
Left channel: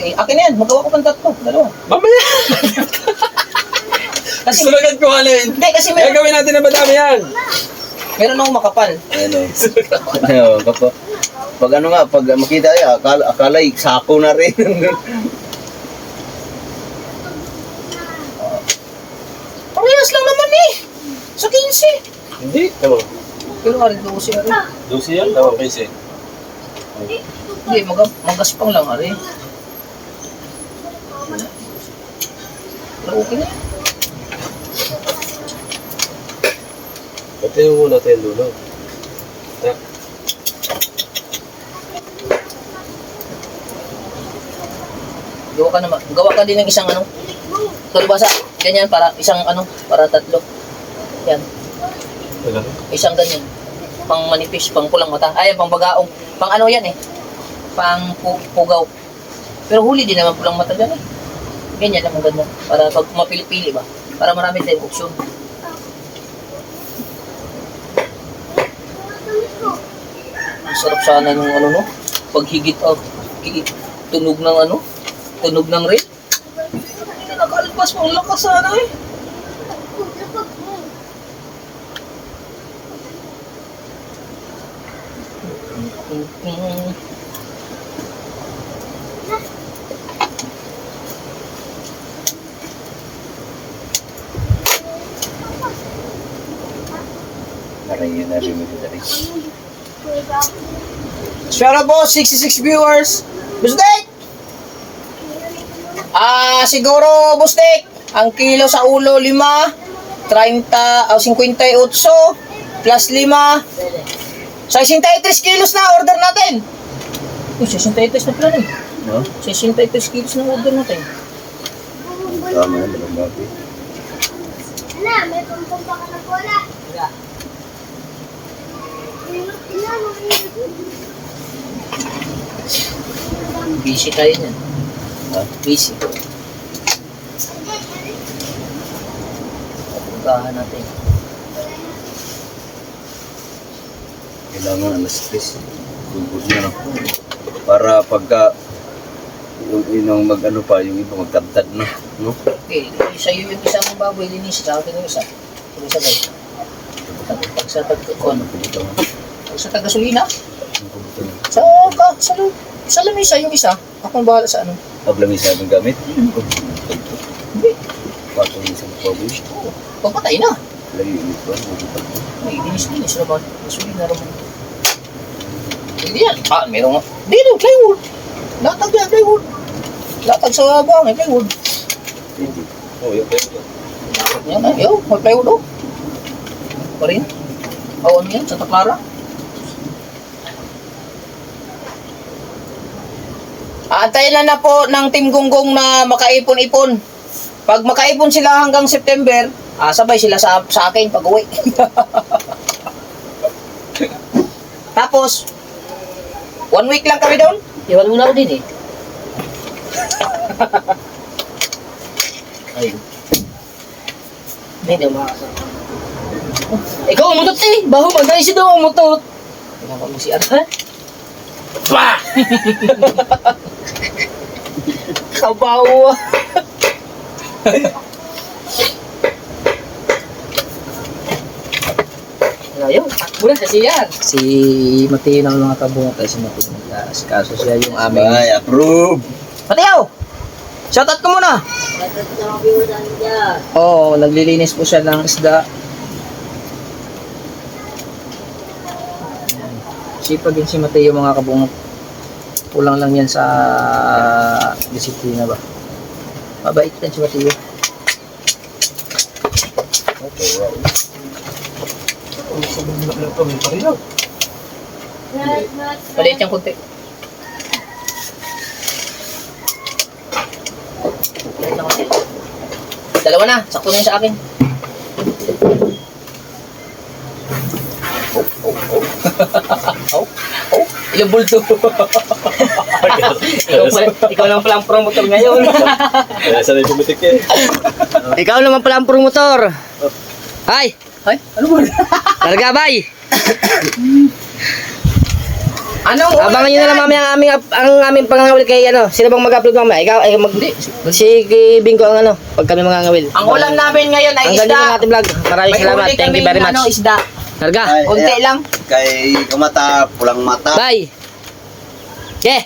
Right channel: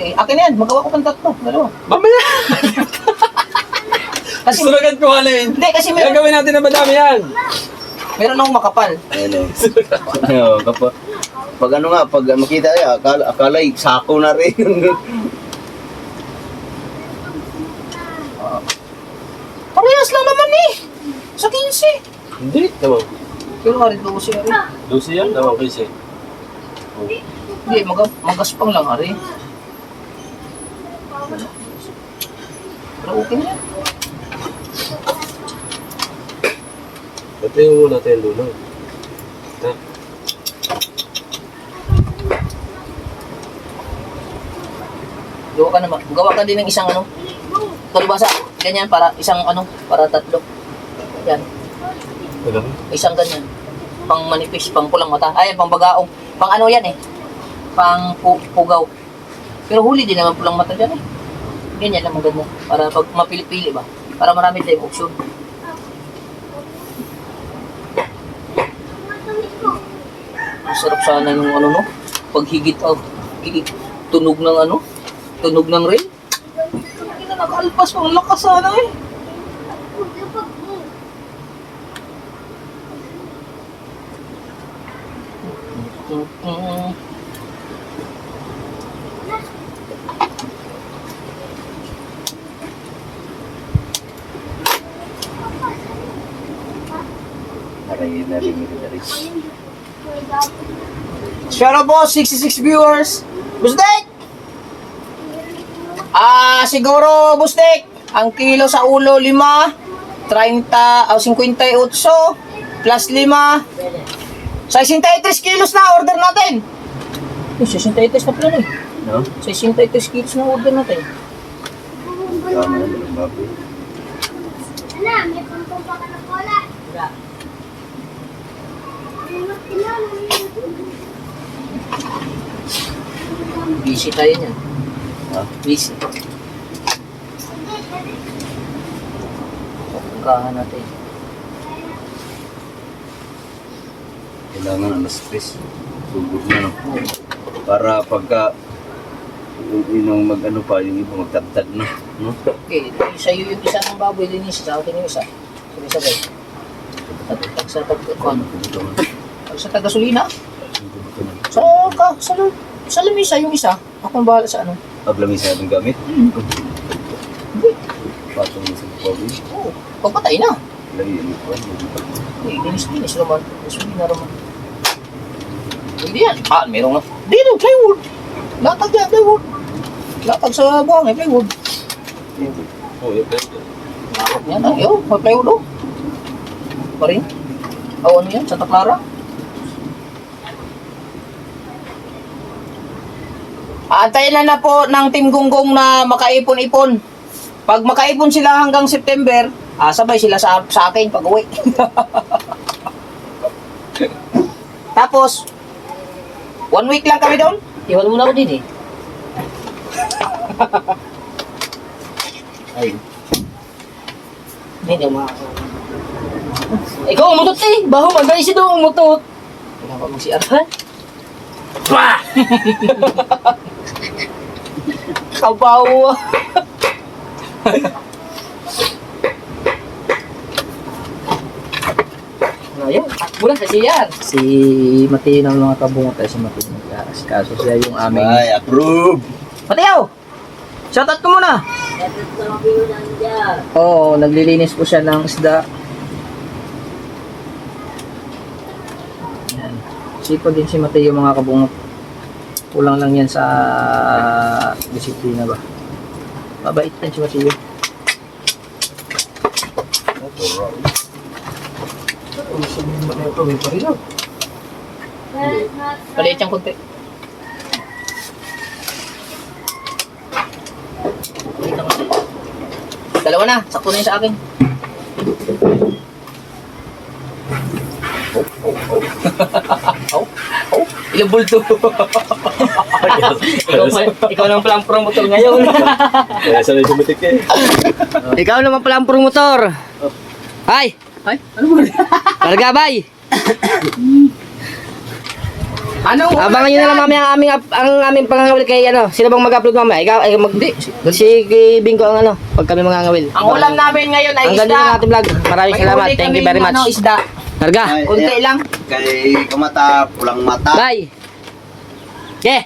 Eh, akin na yan. Magawa ko pang 3. Dalawa. Mamaya! Kasi, Gusto agad ko ano yun. hindi, kasi Gagawin natin na madami yan. meron akong makapal. Ano? Ano, pag ano nga, pag makita niya, akala'y sako na rin. Parehas lang naman eh. Sa 15. Hindi, tama. Pero nga rin 12 na rin. 12 yan, tama 15. Hindi, magaspang lang ari. Pero okay na yan. Patayin mo natin yung dulo. Ha? Gawa ka din ng isang ano. Talbasa. Ganyan para isang ano, para tatlo. Yan. Alam. Isang ganyan. Pang manipis, pang pulang mata. Ay, pang bagaong. Pang ano yan eh. Pang pugaw. Pero huli din naman pulang mata dyan eh. Ganyan naman ganda. Para pag mapili-pili ba. Para marami tayong opsyon. Ang sarap sana nung ano no. Pag higit tunog ng ano. Tunog ng rail. Hindi na nakalpas. Ang lakas sana eh. Narayin na rin mo rin. Shout out po, 66 viewers. Bustek! Siguro, Bustek, ang kilo sa ulo, 5, 30, 58, plus 5, 63 kilos na order natin. 63 na pala eh. No? 63 kilos na order natin. Tama na, dalawang baboy. Busy tayo niyan. Ha? Busy. Pagkahan natin. Kailangan alas 3. Tugod na, no? Para pagka yung mag-ano pa, yung iba magtabtad na, no? Okay, sa'yo yung isang baboy, linis. Sa akin yung isa. Sabay-sabay. Pag sa taga-gasolina, sa lamisa yung isa. Ako ang bahala sa ano. Paglamisa itong gamit? Hindi. Patong isang baboy. Oo. Pagpatay na. Lagi yung ito, magpapag na. Ay, linis naman. Gasolina naman. Hindi yan. Meron nga. Dito, plywood. Latag yan, plywood. Latag sa buhangin, plywood. Oh, yun. Yan, may plywood oh. Pa rin. Ano yan, Santa Clara. Antayin na po ng Team Gonggong na makaipon-ipon. Pag makaipon sila hanggang September, sabay sila sa akin pag uwi. Tapos, 1 week lang kami doon. Iwan muna ako din eh. Ayun. Hindi makakasama. Ikaw umutot eh. Baho mag-aisi daw umutot. Ikaw pa mo si Arhan. Wah! Kabaw. Ayaw, mula sa siyan. Si Mateo ng mga kabungot ay si Mateo nag-asikaso siya yung aming... Ay, approve! Mateo! Shoutout ko muna! Oo, naglilinis po siya ng isda. Yan. Sipag din si Mateo mga kabungot. Kulang lang yan sa disiplina ba. Mabait din si Mateo. Paliit yung konti. Dalawa na, sakto na yun sa akin. Ilang bulto. ikaw naman pala ang promotor ngayon. Kaya sanay pumitik eh. Ikaw naman pala ang promotor. Ay! Ay, ano ba? Larga bay! Anong Abangan nyo na lang mamaya ang aming pangangawil kay ano. Sino bang mag-upload mamaya? Ikaw, ay si Bingo ang ano. Pag kami mangangawil. Ang ulam namin ngayon ay Hanggang dito isda. ang ating vlog. Maraming May salamat. huli Thank you kaming, very much. Ano, isda. Marga. Konti lang. Kay kumata, pulang mata. Bye. Yeah.